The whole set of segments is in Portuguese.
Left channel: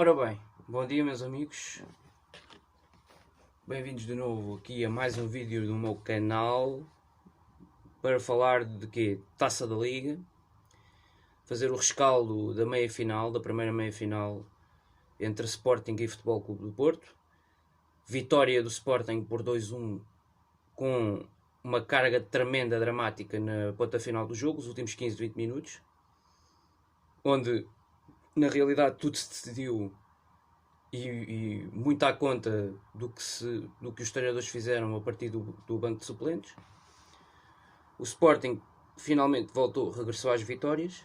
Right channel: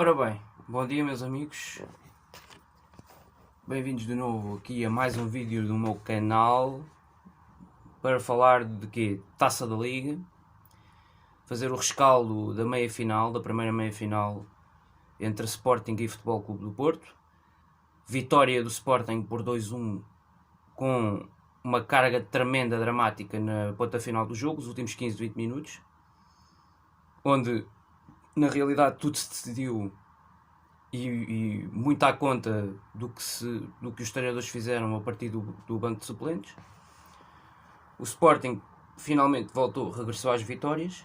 Ora bem, bom dia meus amigos, bem-vindos de novo aqui a mais um vídeo do meu canal para falar de quê? Taça da Liga, fazer o rescaldo da meia-final, da primeira meia-final entre Sporting e Futebol Clube do Porto, vitória do Sporting por 2-1 com uma carga tremenda, dramática na ponta final do jogo, os últimos 15-20 minutos, onde na realidade tudo se decidiu e muito à conta do que os treinadores fizeram a partir do banco de suplentes. O Sporting finalmente regressou às vitórias.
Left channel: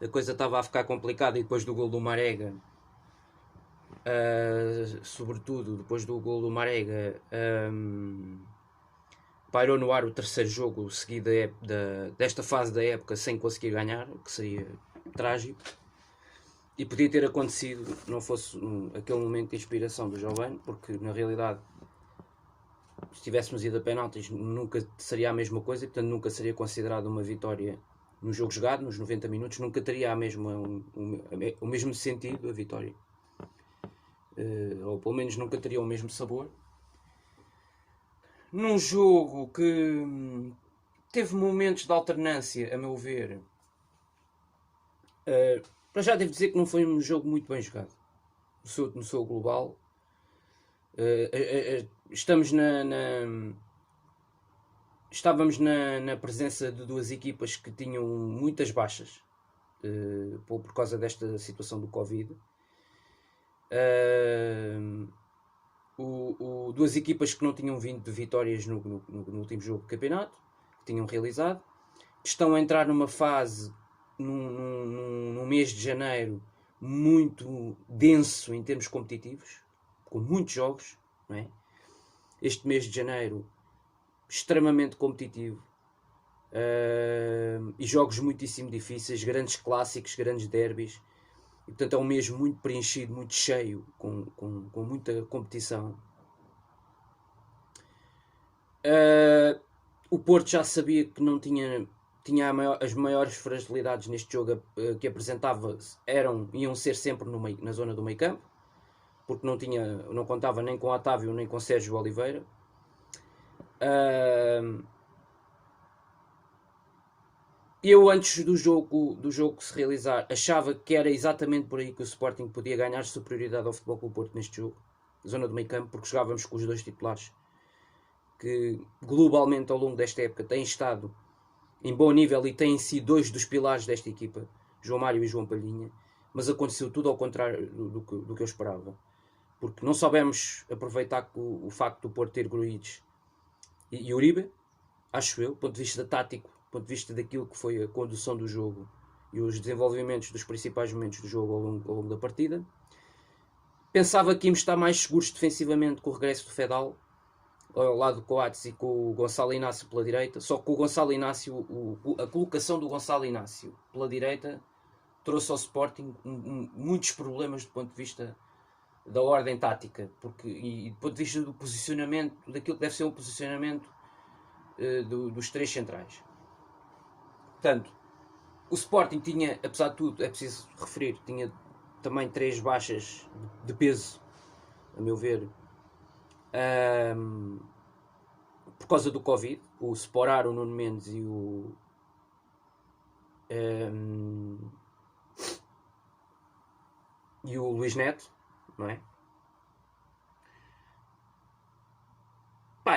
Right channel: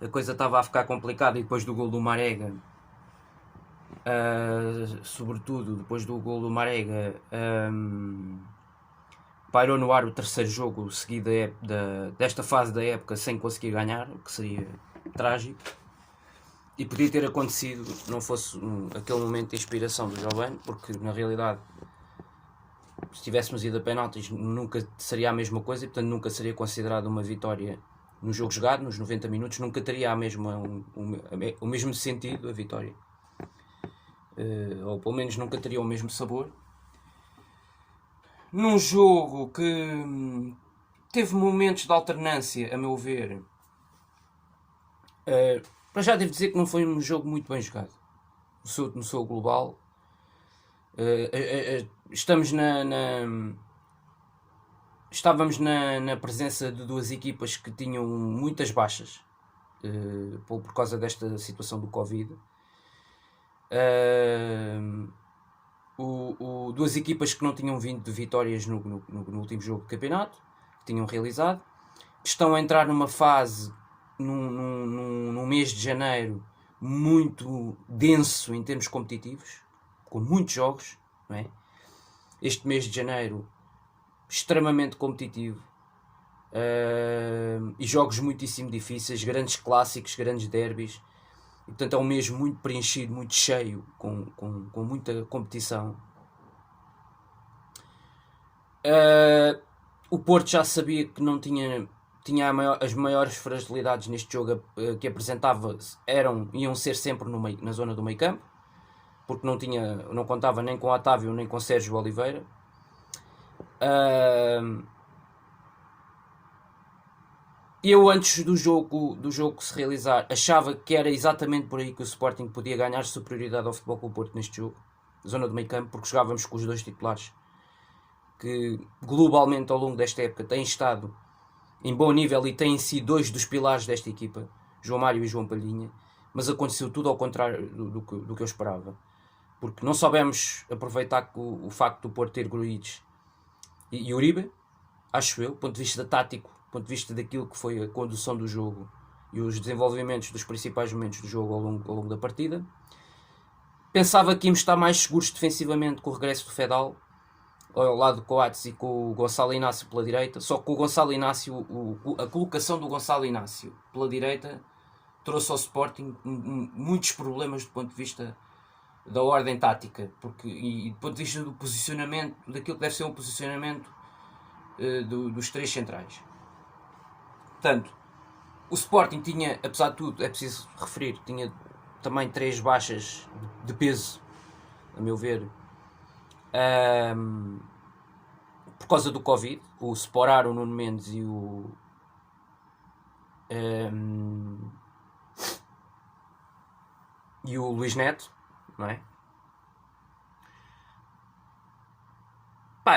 A coisa estava a ficar complicada e depois do gol do Marega, sobretudo depois do gol do Marega, pairou no ar o terceiro jogo seguido desta fase da época sem conseguir ganhar, o que seria trágico. E podia ter acontecido, não fosse aquele momento de inspiração do Giovane, porque na realidade, se tivéssemos ido a penaltis, nunca seria a mesma coisa e portanto nunca seria considerado uma vitória no jogo jogado, nos 90 minutos, nunca teria o mesmo sentido a vitória. Ou pelo menos nunca teria o mesmo sabor. Num jogo que teve momentos de alternância, a meu ver. Para já devo dizer que não foi um jogo muito bem jogado no seu global. Estávamos na presença de duas equipas que tinham muitas baixas por causa desta situação do Covid. Duas equipas que não tinham vindo de vitórias no último jogo do campeonato, que tinham realizado, estão a entrar numa fase num mês de janeiro muito denso em termos competitivos, com muitos jogos, não é? Este mês de janeiro extremamente competitivo, e jogos muitíssimo difíceis, grandes clássicos, grandes derbys, e portanto é um mês muito preenchido, muito cheio, com muita competição. O Porto já sabia que não tinha as maiores fragilidades neste jogo que apresentava iam ser sempre na zona do meio campo, porque não contava nem com Otávio nem com Sérgio Oliveira. Eu antes do jogo se realizar achava que era exatamente por aí que o Sporting podia ganhar superioridade ao Futebol Clube do Porto neste jogo, zona do meio campo, porque jogávamos com os dois titulares que globalmente ao longo desta época têm estado em bom nível e têm sido dois dos pilares desta equipa, João Mário e João Palhinha, mas aconteceu tudo ao contrário do que eu esperava, porque não soubemos aproveitar o facto do Porto ter Grujic e Uribe, acho eu, do ponto de vista tático, do ponto de vista daquilo que foi a condução do jogo e os desenvolvimentos dos principais momentos do jogo ao longo da partida. Pensava que íamos estar mais seguros defensivamente com o regresso do Fedal, ao lado do Coates e com o Gonçalo Inácio pela direita, só que o Gonçalo Inácio, a colocação do Gonçalo Inácio pela direita trouxe ao Sporting muitos problemas do ponto de vista da ordem tática, e do ponto de vista do posicionamento, daquilo que deve ser um posicionamento dos três centrais. Portanto, o Sporting tinha, apesar de tudo, é preciso referir, tinha também três baixas de peso, a meu ver, por causa do Covid, o Sporar, o Nuno Mendes e o Luís Neto, não é?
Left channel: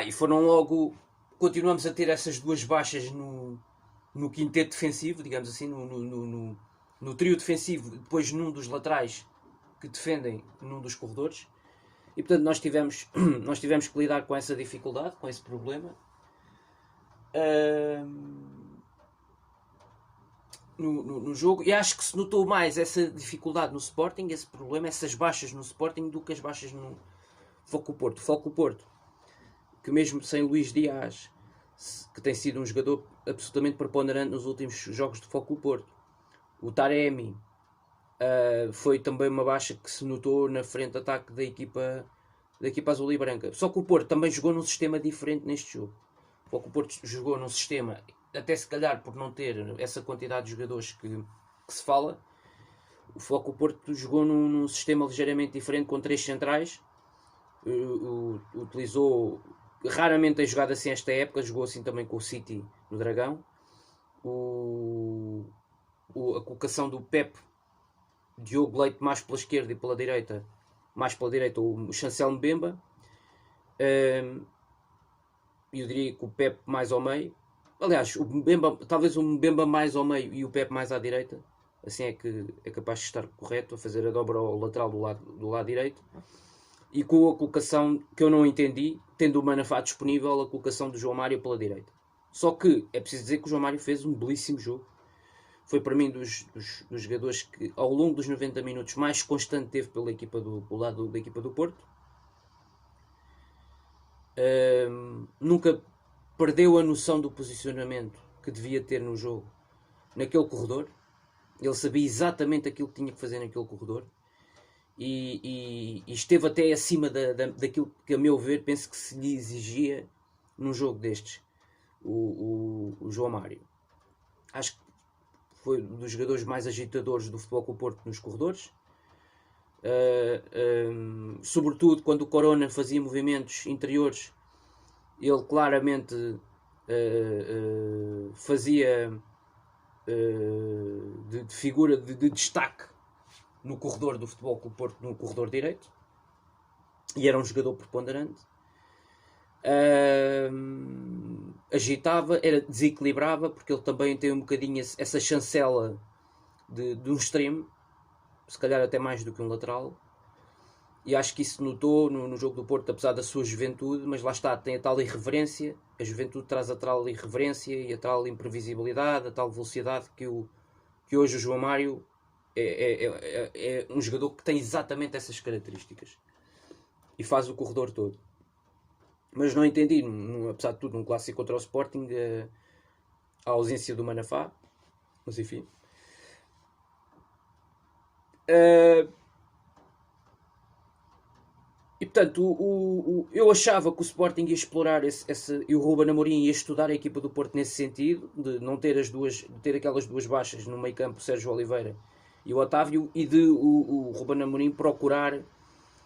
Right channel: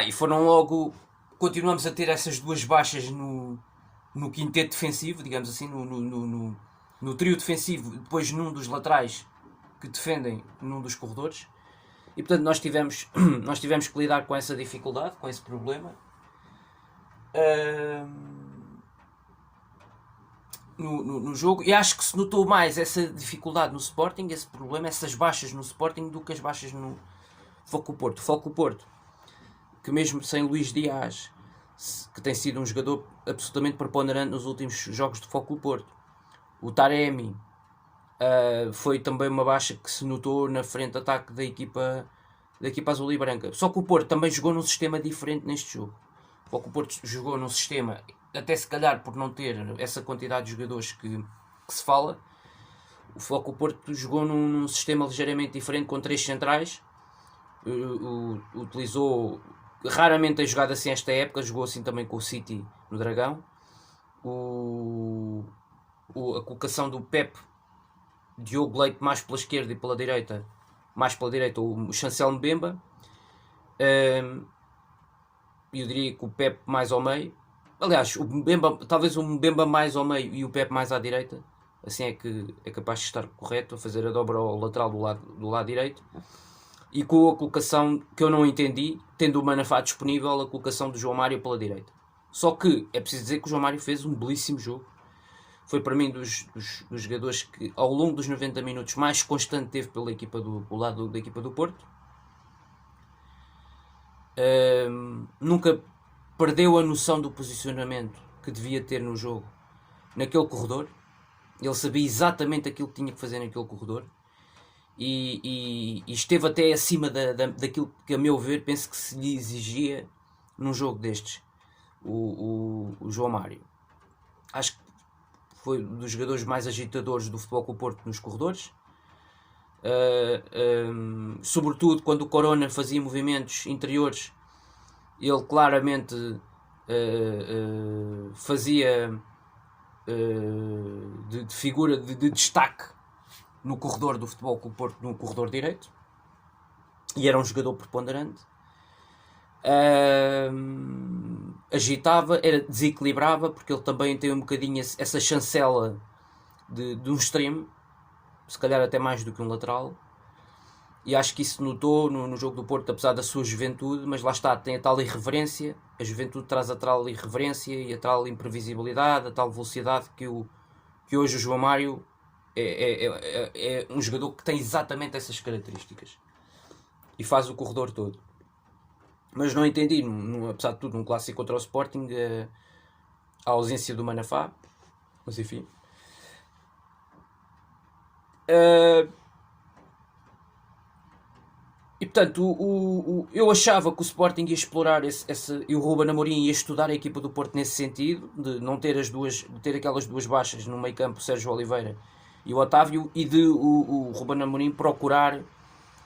E foram logo, continuamos a ter essas duas baixas no quinteto defensivo, digamos assim, no trio defensivo, depois num dos laterais que defendem num dos corredores. E portanto nós tivemos que lidar com essa dificuldade, com esse problema. No jogo. E acho que se notou mais essa dificuldade no Sporting, esse problema, essas baixas no Sporting, do que as baixas no Foco Porto. Foco Porto, que mesmo sem Luís Dias, que tem sido um jogador absolutamente preponderante nos últimos jogos de Foco Porto. O Taremi foi também uma baixa que se notou na frente de ataque da equipa azul e branca. Só que o Porto também jogou num sistema diferente neste jogo. O Porto jogou num sistema, até se calhar por não ter essa quantidade de jogadores que se fala, o Futebol Porto jogou num sistema ligeiramente diferente com 3 centrais. Utilizou, raramente tem jogado assim esta época, jogou assim também com o City no Dragão. A colocação do Pep, Diogo Leite mais pela esquerda e pela direita, mais pela direita o Chancel Mbemba. Eu diria que o Pep mais ao meio. Aliás, o Mbemba, talvez o Mbemba mais ao meio e o Pep mais à direita. Assim é que é capaz de estar correto, a fazer a dobra ao lateral do lado direito. E com a colocação que eu não entendi, tendo o Manafá disponível, a colocação do João Mário pela direita. Só que é preciso dizer que o João Mário fez um belíssimo jogo. Foi para mim dos jogadores que ao longo dos 90 minutos mais constante teve pela equipa do lado da equipa do Porto. Nunca perdeu a noção do posicionamento que devia ter no jogo naquele corredor. Ele sabia exatamente aquilo que tinha que fazer naquele corredor. E esteve até acima daquilo que, a meu ver, penso que se lhe exigia num jogo destes. O João Mário. Acho que foi um dos jogadores mais agitadores do Futebol Clube Porto nos corredores. Sobretudo quando o Corona fazia movimentos interiores, ele claramente fazia de figura de destaque no corredor do Futebol Clube Porto, no corredor direito, e era um jogador preponderante. Agitava, desequilibrava, porque ele também tem um bocadinho essa chancela de um extremo, se calhar até mais do que um lateral, e acho que isso notou no jogo do Porto, apesar da sua juventude, mas lá está, tem a tal irreverência, a juventude traz a tal irreverência e a tal imprevisibilidade, a tal velocidade que hoje o João Mário é um jogador que tem exatamente essas características e faz o corredor todo. Mas não entendi, apesar de tudo, num clássico contra o Sporting, a ausência do Manafá. Mas enfim. E portanto, eu achava que o Sporting ia explorar e o Ruben Amorim ia estudar a equipa do Porto nesse sentido, de não ter ter aquelas duas baixas no meio campo, o Sérgio Oliveira e o Otávio, e de o Ruben Amorim procurar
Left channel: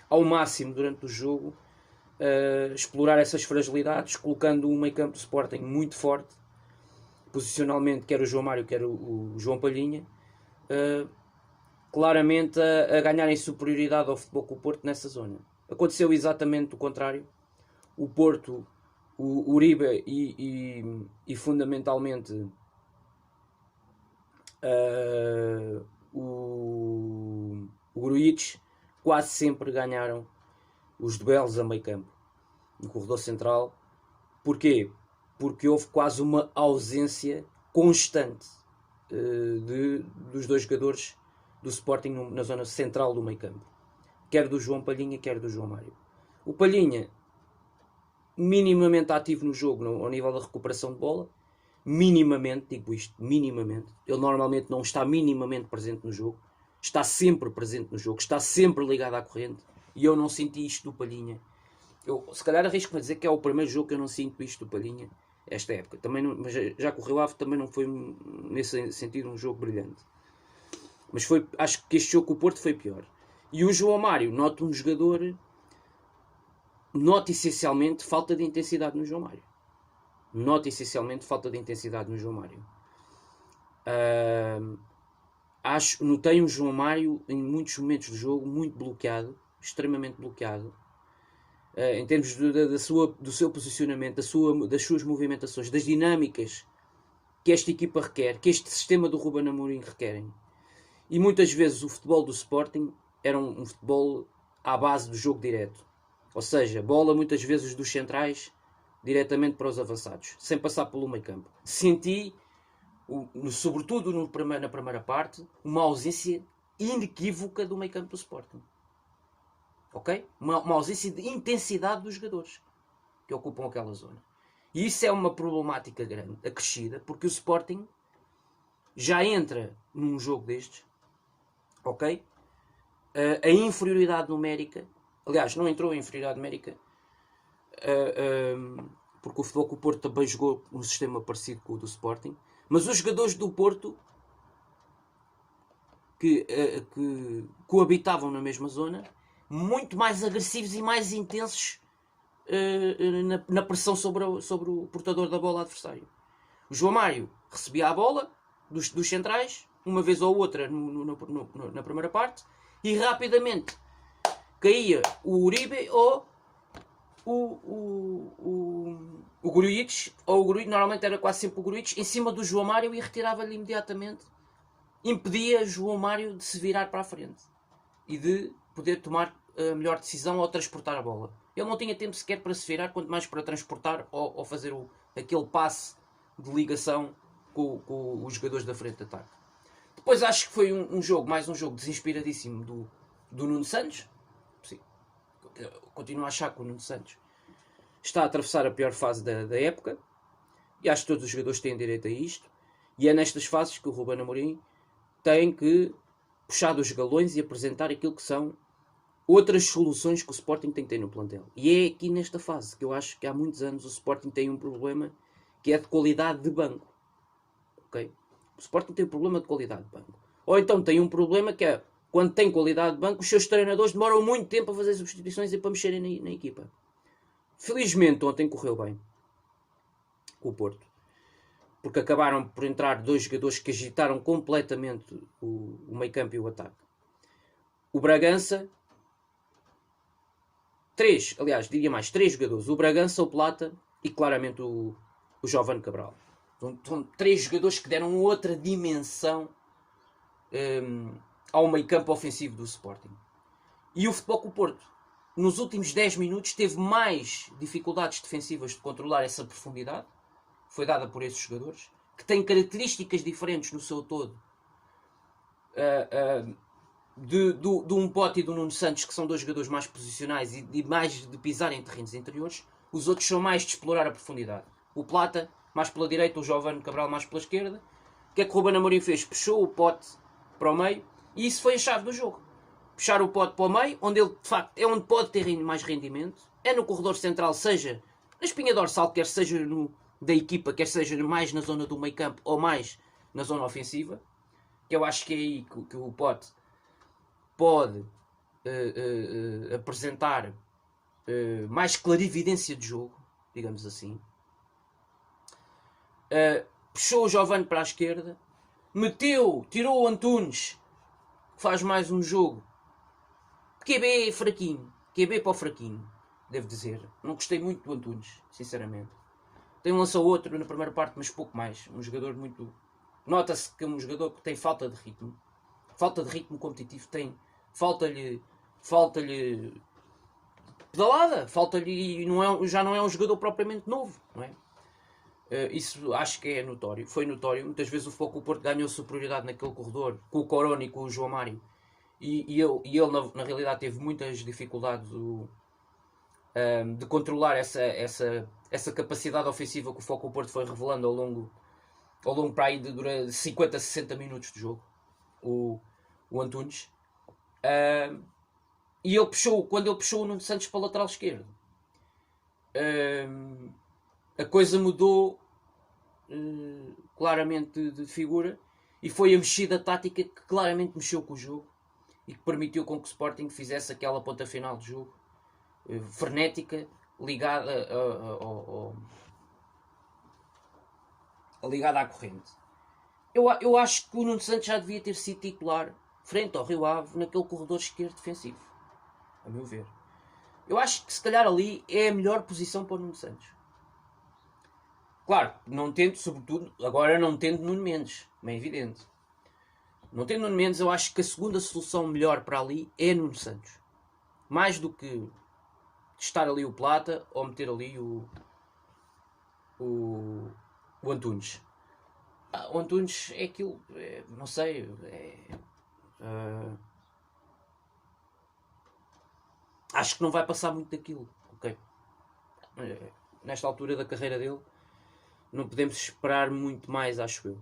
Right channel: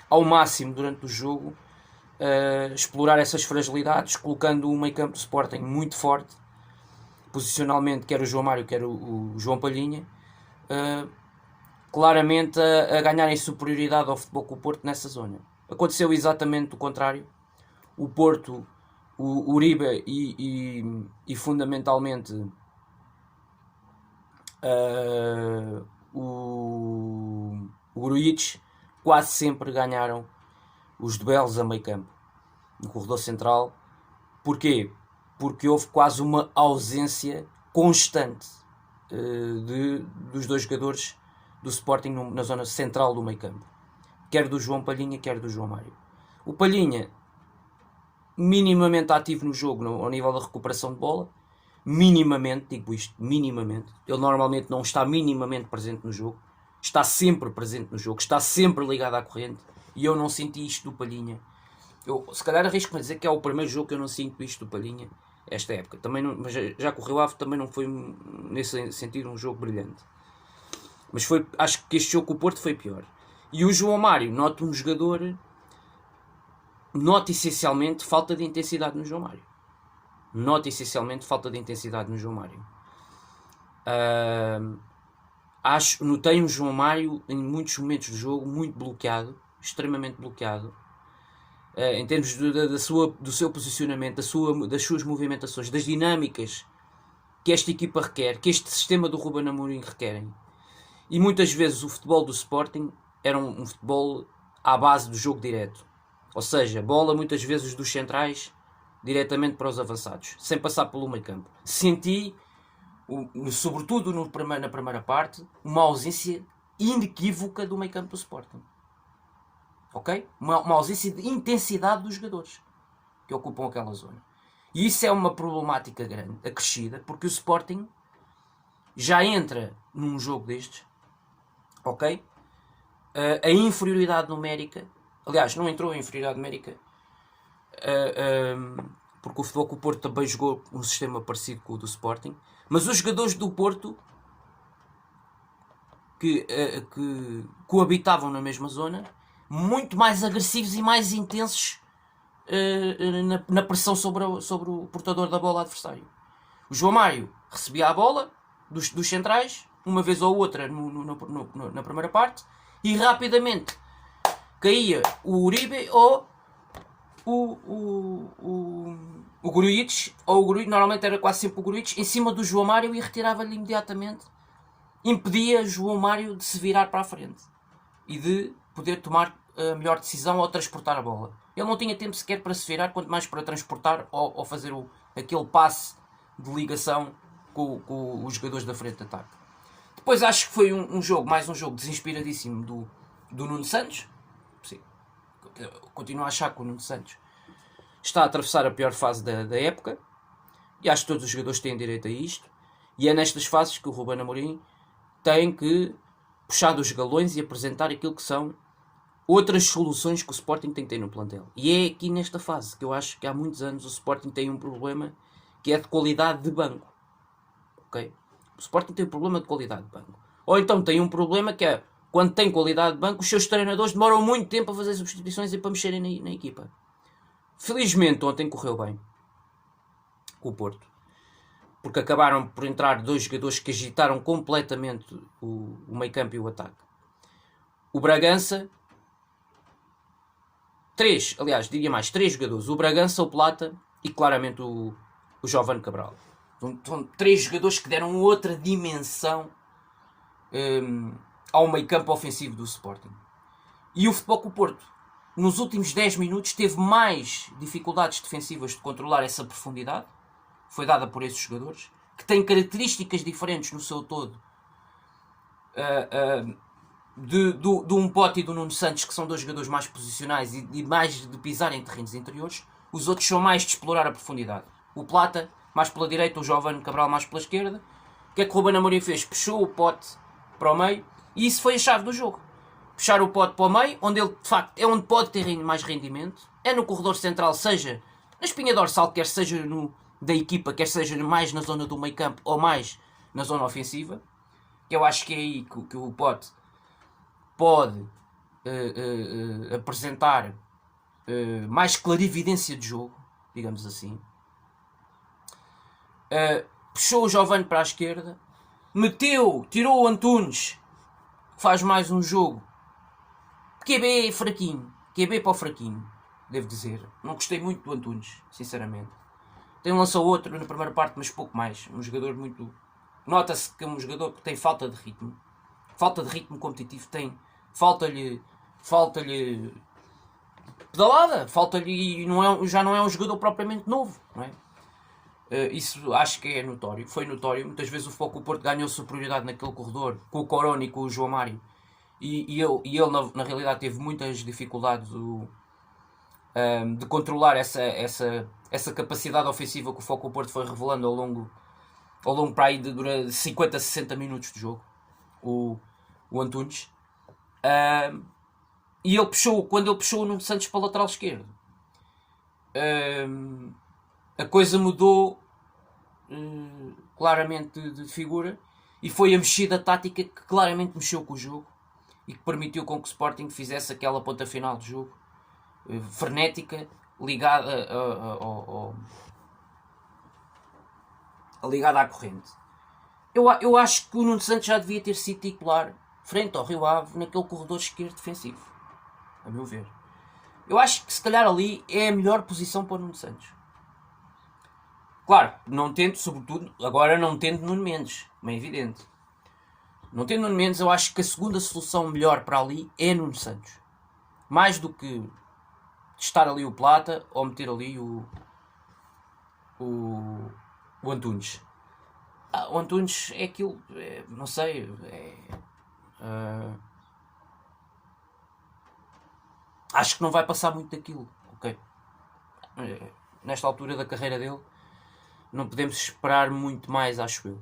ao máximo durante o jogo explorar essas fragilidades, colocando um meio campo do Sporting muito forte, posicionalmente, quer o João Mário, quer o João Palhinha, claramente a ganharem superioridade ao Futebol Clube Porto nessa zona. Aconteceu exatamente o contrário. O Porto, o Uribe e fundamentalmente o Grujic quase sempre ganharam os duelos a meio campo, no corredor central. Porquê? Porque houve quase uma ausência constante dos dois jogadores do Sporting na zona central do meio campo, quer do João Palhinha, quer do João Mário. O Palhinha minimamente ativo no jogo ao nível da recuperação de bola, minimamente, digo isto, minimamente. Ele normalmente não está minimamente presente no jogo, está sempre presente no jogo, está sempre ligado à corrente, e eu não senti isto do Palhinha. Eu, se calhar arrisco-me a dizer que é o primeiro jogo que eu não sinto isto do Palhinha esta época. Também não, mas já com o Rio Ave também não foi nesse sentido um jogo brilhante. Mas acho que este jogo com o Porto foi pior. E o João Mário nota um jogador, nota essencialmente falta de intensidade no João Mário. Notei um João Mário em muitos momentos do jogo muito bloqueado, extremamente bloqueado, em termos do seu posicionamento, das suas movimentações, das dinâmicas que esta equipa requer, que este sistema do Ruben Amorim requerem. E muitas vezes o futebol do Sporting era um futebol à base do jogo direto, ou seja, bola muitas vezes dos centrais diretamente para os avançados, sem passar pelo meio campo. Senti, sobretudo na primeira parte, uma ausência inequívoca do meio campo do Sporting. Ok? Uma ausência de intensidade dos jogadores que ocupam aquela zona. E isso é uma problemática grande, acrescida, porque o Sporting já entra num jogo destes, ok? A inferioridade numérica, aliás, não entrou a inferioridade numérica, porque o Futebol Clube Porto também jogou um sistema parecido com o do Sporting, mas os jogadores do Porto que coabitavam na mesma zona, muito mais agressivos e mais intensos na pressão sobre o portador da bola adversário. O João Mário recebia a bola dos centrais, uma vez ou outra na primeira parte, e rapidamente caía o Uribe ou o Grujic, normalmente era quase sempre o Grujic, em cima do João Mário e retirava-lhe imediatamente, impedia João Mário de se virar para a frente e de poder tomar a melhor decisão ou transportar a bola. Ele não tinha tempo sequer para se virar, quanto mais para transportar ou fazer aquele passe de ligação com os jogadores da frente de ataque. Depois acho que foi mais um jogo desinspiradíssimo do Nuno Santos. Sim. Continuo a achar que o Nuno Santos está a atravessar a pior fase da época, e acho que todos os jogadores têm direito a isto, e é nestas fases que o Ruben Amorim tem que puxar dos galões e apresentar aquilo que são outras soluções que o Sporting tem que ter no plantel. E é aqui nesta fase que eu acho que há muitos anos o Sporting tem um problema que é de qualidade de banco. Okay? O Sporting tem um problema de qualidade de banco. Ou então tem um problema que é, quando tem qualidade de banco, os seus treinadores demoram muito tempo a fazer substituições e para mexerem na equipa. Felizmente ontem correu bem com o Porto, porque acabaram por entrar dois jogadores que agitaram completamente o meio campo e o ataque. O Bragança, três jogadores, o Bragança, o Plata e claramente o Jovane Cabral. São três jogadores que deram outra dimensão ao meio campo ofensivo do Sporting. E o Futebol Clube do Porto, nos últimos 10 minutos, teve mais dificuldades defensivas de controlar essa profundidade. Foi dada por esses jogadores, que têm características diferentes no seu todo do Umpote e do Nuno Santos, que são dois jogadores mais posicionais e mais de pisar em terrenos interiores. Os outros são mais de explorar a profundidade. O Plata mais pela direita, o Jovane Cabral mais pela esquerda. O que é que o Ruben Amorim fez? Puxou o Pote para o meio, e isso foi a chave do jogo. Puxar o Pote para o meio, onde ele de facto é onde pode ter mais rendimento, é no corredor central, seja na espinha dorsal, quer seja da equipa, quer seja mais na zona do meio campo ou mais na zona ofensiva, que eu acho que é aí que o Pote pode apresentar mais clarividência de jogo, digamos assim. Puxou o Jovane para a esquerda, tirou o Antunes, que faz mais um jogo QB fraquinho, QB para o fraquinho, devo dizer. Não gostei muito do Antunes, sinceramente. Tem um lançou outro na primeira parte, mas pouco mais. Um jogador muito... Nota-se que é um jogador que tem falta de ritmo competitivo, falta-lhe pedalada, falta-lhe, já não é um jogador propriamente novo, não é? Isso acho que é notório, foi notório. Muitas vezes o Futebol Clube do Porto ganhou superioridade naquele corredor com o Corona e com o João Mário, e ele na realidade teve muitas dificuldades de controlar essa capacidade ofensiva que o Futebol Clube do Porto foi revelando ao longo para aí de 50 a 60 minutos de jogo, o Antunes. E quando ele puxou o Nuno Santos para o lateral esquerdo, a coisa mudou claramente de figura, e foi a mexida tática que claramente mexeu com o jogo e que permitiu com que o Sporting fizesse aquela ponta final de jogo frenética, ligada à corrente. Eu acho que o Nuno Santos já devia ter sido titular frente ao Rio Ave naquele corredor esquerdo defensivo, a meu ver. Eu acho que se calhar ali é a melhor posição para o Nuno Santos. Claro, não tendo, sobretudo, agora não tendo Nuno Mendes, como é evidente. Não tendo Nuno Mendes, eu acho que a segunda solução melhor para ali é Nuno Santos. Mais do que estar ali o Plata ou meter ali o Antunes. O Antunes é aquilo, não sei, acho que não vai passar muito daquilo, ok? Nesta altura da carreira dele, não podemos esperar muito mais, acho eu.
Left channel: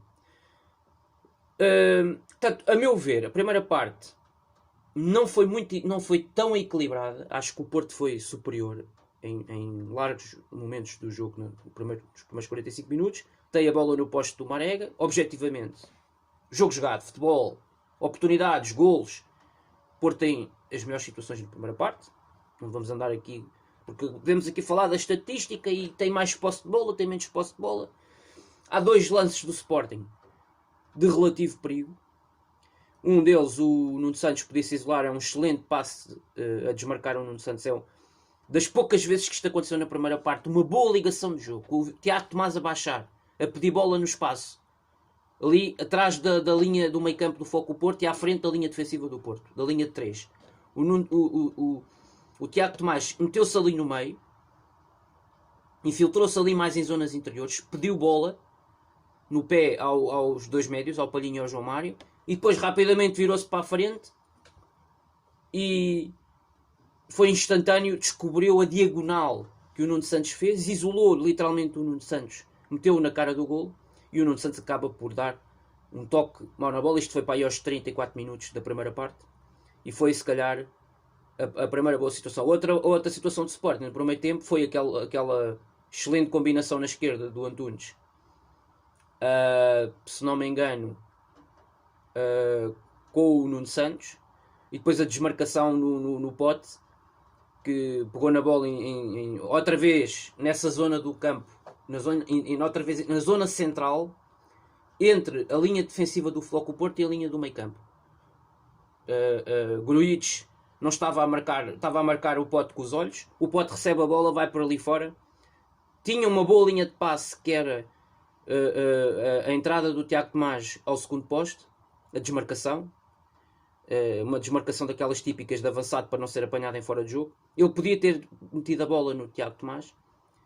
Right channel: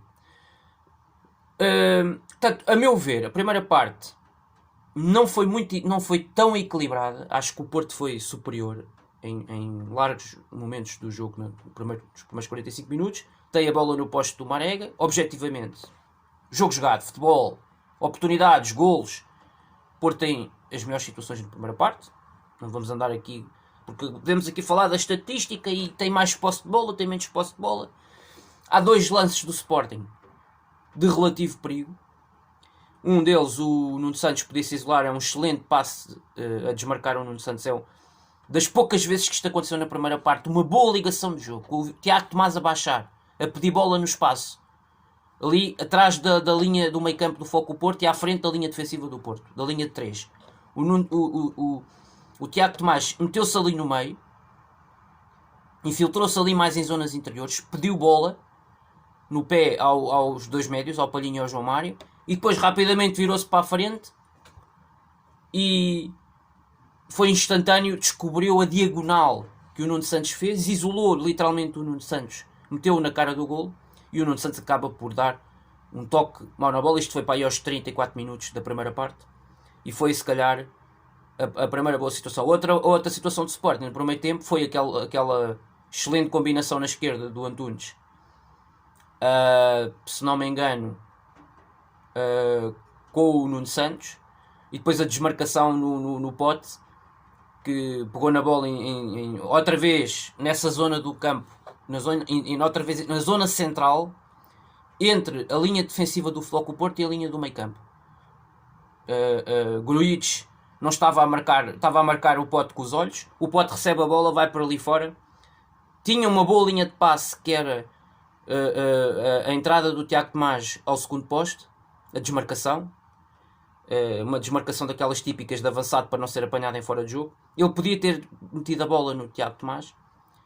Portanto, a meu ver, a primeira parte não foi tão equilibrada. Acho que o Porto foi superior em largos momentos do jogo, nos primeiros 45 minutos. Tem a bola no posto do Marega. Objetivamente, jogo jogado, futebol, Oportunidades, golos, Porto tem as melhores situações na primeira parte. Não vamos andar aqui, porque podemos aqui falar da estatística e tem mais posse de bola, tem menos posse de bola. Há 2 lances do Sporting de relativo perigo. Um deles, o Nuno Santos podia se isolar, é um excelente passe a desmarcar o Nuno Santos. É das poucas vezes que isto aconteceu na primeira parte, uma boa ligação de jogo. O Tiago Tomás a baixar, a pedir bola no espaço. Ali atrás da linha do meio campo do Foco Porto e à frente da linha defensiva do Porto, da linha de 3. O Tiago Tomás meteu-se ali no meio, infiltrou-se ali mais em zonas interiores, pediu bola no pé aos 2 médios, ao Palhinha e ao João Mário, e depois rapidamente virou-se para a frente e foi instantâneo, descobriu a diagonal que o Nuno Santos fez, isolou literalmente o Nuno Santos, meteu-o na cara do golo e o Nuno Santos acaba por dar um toque mal na bola. Isto foi para aí aos 34 minutos da primeira parte e foi se calhar a primeira boa situação. Outra situação de Sporting no primeiro tempo foi aquela excelente combinação na esquerda do Antunes, se não me engano, com o Nuno Santos, e depois a desmarcação no Pote, que pegou na bola outra vez nessa zona do campo, outra vez na zona central, entre a linha defensiva do Futebol Clube do Porto e a linha do meio campo. Grujic não estava a marcar o Pote com os olhos. O Pote recebe a bola, vai para ali fora. Tinha uma boa linha de passe, que era a entrada do Tiago Tomás ao segundo poste, a desmarcação, uma desmarcação daquelas típicas de avançado para não ser apanhado em fora de jogo. Ele podia ter metido a bola no Tiago Tomás,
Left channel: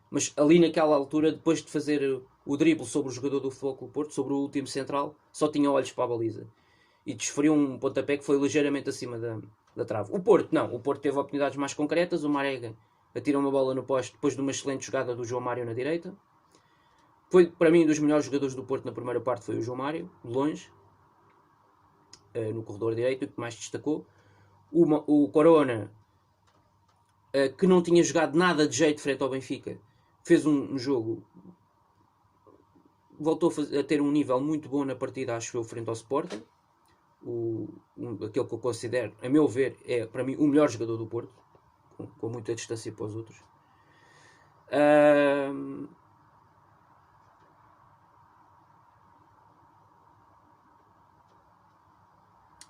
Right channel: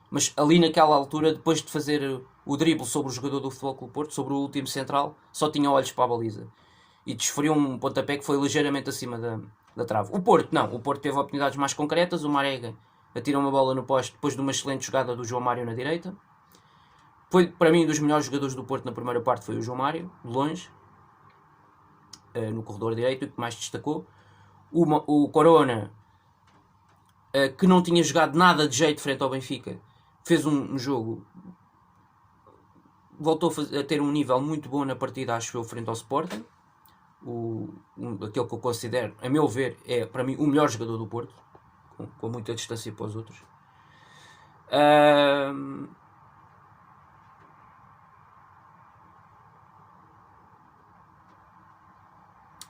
mas ali naquela altura, depois de fazer o drible sobre o jogador do Futebol Clube do Porto, sobre o último central, só tinha olhos para a baliza e desferiu um pontapé que foi ligeiramente acima da trave. O Porto não, o Porto teve oportunidades mais concretas. O Marega atira uma bola no poste depois de uma excelente jogada do João Mário na direita. Foi, para mim, um dos melhores jogadores do Porto na primeira parte foi o João Mário, de longe, no corredor direito, o que mais destacou. O Corona, que não tinha jogado nada de jeito frente ao Benfica, fez um jogo, voltou a ter um nível muito bom na partida, acho eu, frente ao Sporting. Aquele que eu considero, a meu ver, é para mim o melhor jogador do Porto, com muita distância para os outros.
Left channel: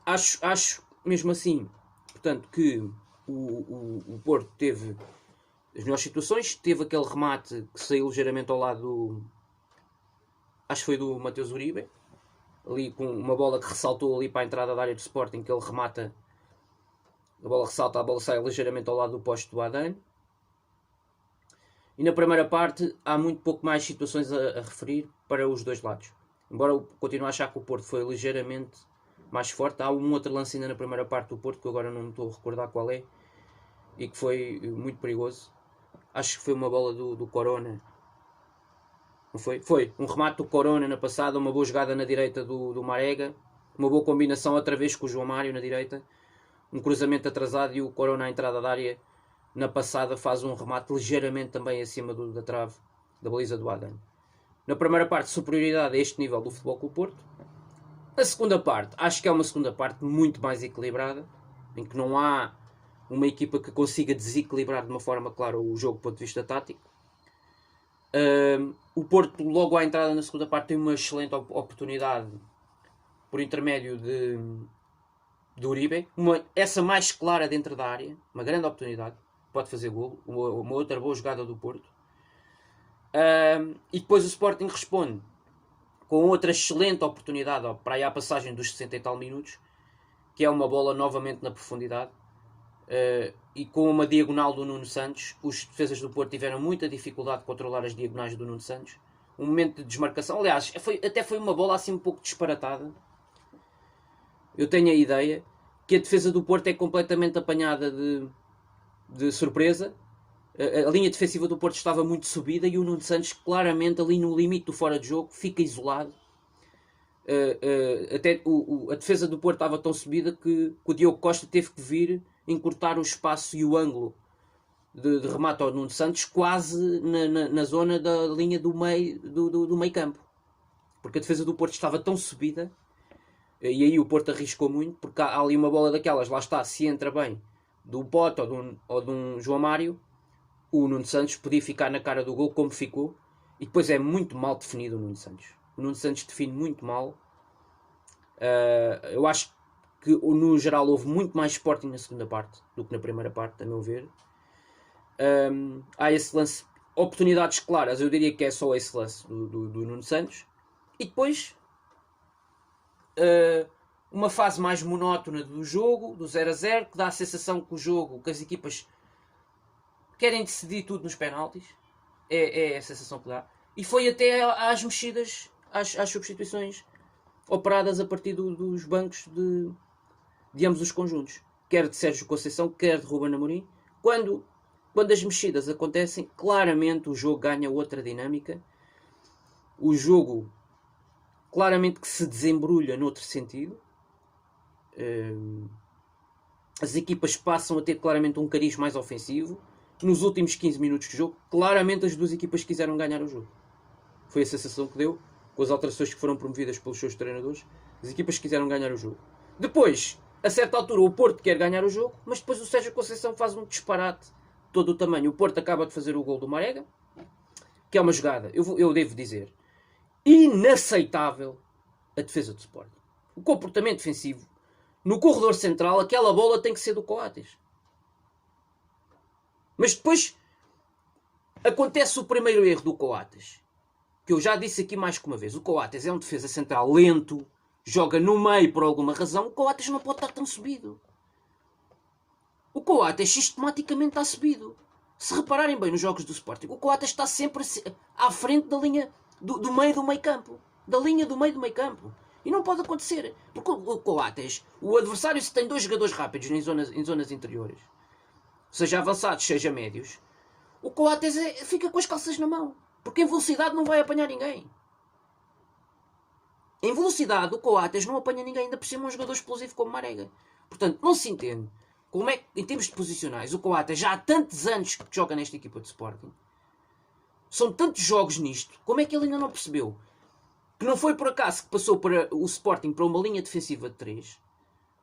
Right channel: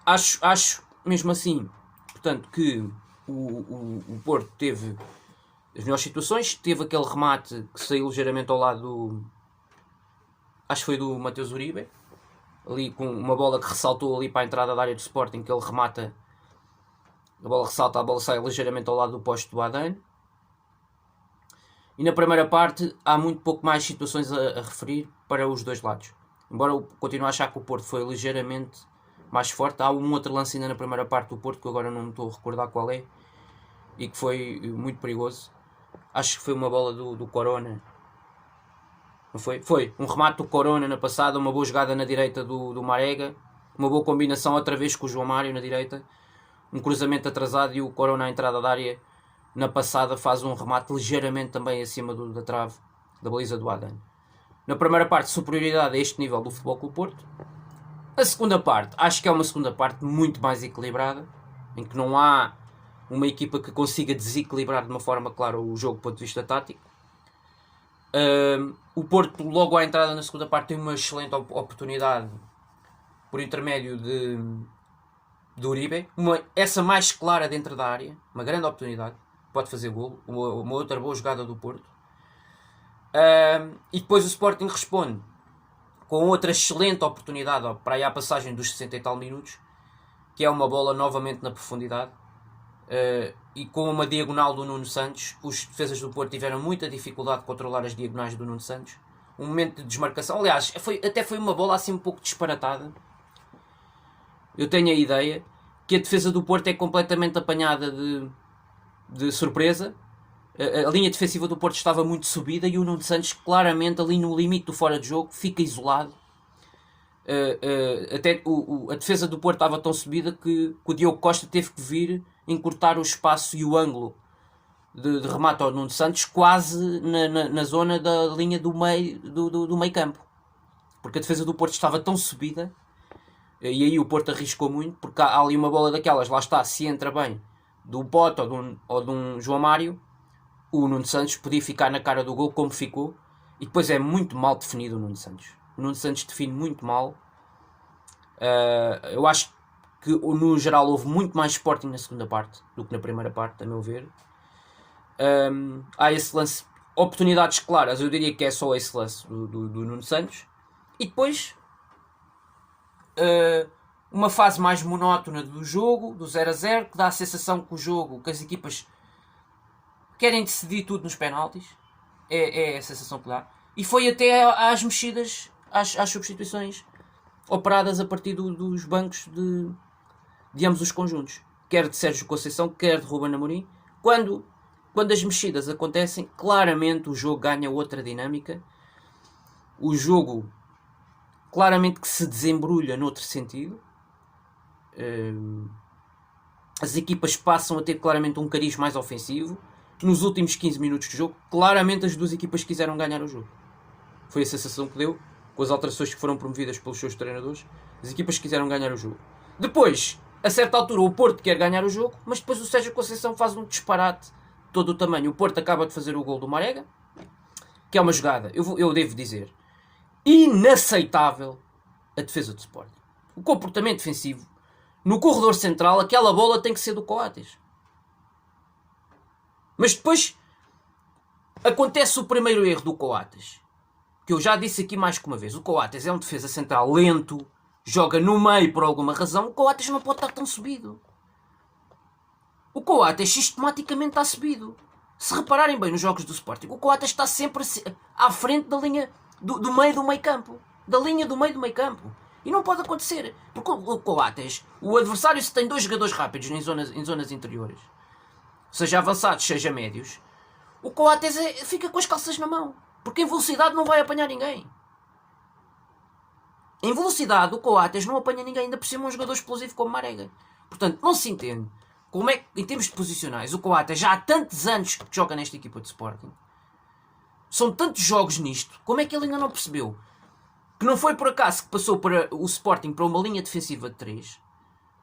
Acho mesmo assim, portanto, que o Porto teve as melhores situações. Teve aquele remate que saiu ligeiramente ao lado acho que foi do Mateus Uribe, ali com uma bola que ressaltou ali para a entrada da área do Sporting, que ele remata, a bola ressalta, a bola sai ligeiramente ao lado do poste do Adane. E na primeira parte há muito pouco mais situações a referir para os dois lados, embora eu continue a achar que o Porto foi ligeiramente mais forte. Há um outro lance ainda na primeira parte do Porto, que agora não me estou a recordar qual é, e que foi muito perigoso. Acho que foi uma bola do Corona. Não foi? Foi um remate do Corona na passada, uma boa jogada na direita do Marega, uma boa combinação outra vez com o João Mário na direita, um cruzamento atrasado e o Corona à entrada da área na passada faz um remate ligeiramente também acima da trave, da baliza do Adane. Na primeira parte, superioridade a este nível do Futebol Clube do Porto. A segunda parte, acho que é uma segunda parte muito mais equilibrada, em que não há uma equipa que consiga desequilibrar de uma forma clara o jogo do ponto de vista tático. O Porto, logo à entrada na segunda parte, tem uma excelente oportunidade por intermédio de Uribe, essa mais clara dentro da área, uma grande oportunidade, pode fazer golo, uma outra boa jogada do Porto. E depois o Sporting responde com outra excelente oportunidade para aí a passagem dos 60 e tal minutos, que é uma bola novamente na profundidade, e com uma diagonal do Nuno Santos. Os defesas do Porto tiveram muita dificuldade de controlar as diagonais do Nuno Santos. Um momento de desmarcação, aliás, até foi uma bola assim um pouco disparatada. Eu tenho a ideia que a defesa do Porto é completamente apanhada de surpresa. A linha defensiva do Porto estava muito subida e o Nuno Santos claramente ali no limite do fora de jogo fica isolado. Até a defesa do Porto estava tão subida que o Diogo Costa teve que vir encurtar o espaço e o ângulo de remate ao Nuno Santos quase na zona da linha do meio campo, porque a defesa do Porto estava tão subida E aí o Porto arriscou muito, porque há ali uma bola daquelas, lá está, se entra bem, do Pote ou de um João Mário, o Nuno Santos podia ficar na cara do gol como ficou, e depois é muito mal definido o Nuno Santos. O Nuno Santos define muito mal. Eu acho que no geral houve muito mais Sporting na segunda parte do que na primeira parte, a meu ver. Há esse lance, oportunidades claras, eu diria que é só esse lance do Nuno Santos. E depois uma fase mais monótona do jogo, do 0-0, que dá a sensação que o jogo, que as equipas querem decidir tudo nos penaltis. É a sensação que dá. E foi até às mexidas, às substituições operadas a partir dos bancos de ambos os conjuntos. Quer de Sérgio Conceição, quer de Ruben Amorim. Quando as mexidas acontecem, claramente o jogo ganha outra dinâmica. O jogo claramente que se desembrulha noutro sentido. As equipas passam a ter claramente um cariz mais ofensivo. Nos últimos 15 minutos de jogo, claramente as duas equipas quiseram ganhar o jogo. Foi a sensação que deu, com as alterações que foram promovidas pelos seus treinadores. As equipas quiseram ganhar o jogo. Depois, a certa altura, o Porto quer ganhar o jogo, mas depois o Sérgio Conceição faz um disparate de todo o tamanho. O Porto acaba de fazer o gol do Marega, que é uma jogada, eu devo dizer, inaceitável a defesa do Sporting. O comportamento defensivo. No corredor central, aquela bola tem que ser do Coates. Mas depois acontece o primeiro erro do Coates, que eu já disse aqui mais que uma vez. O Coates é um defesa central lento, joga no meio por alguma razão. O Coates não pode estar tão subido. O Coates sistematicamente está subido. Se repararem bem nos jogos do Sporting, o Coates está sempre à frente da linha do meio do meio campo. Da linha do meio do meio campo. E não pode acontecer. Porque o Coates, o adversário, se tem dois jogadores rápidos em zonas interiores, seja avançados, seja médios, o Coates fica com as calças na mão. Porque em velocidade não vai apanhar ninguém. Em velocidade, o Coates não apanha ninguém, ainda por cima um jogador explosivo como Marega. Portanto, não se entende como é que, em termos de posicionais, o Coates já há tantos anos que joga nesta equipa de Sporting. São tantos jogos nisto, como é que ele ainda não percebeu? Que não foi por acaso que passou para o Sporting para uma linha defensiva de 3.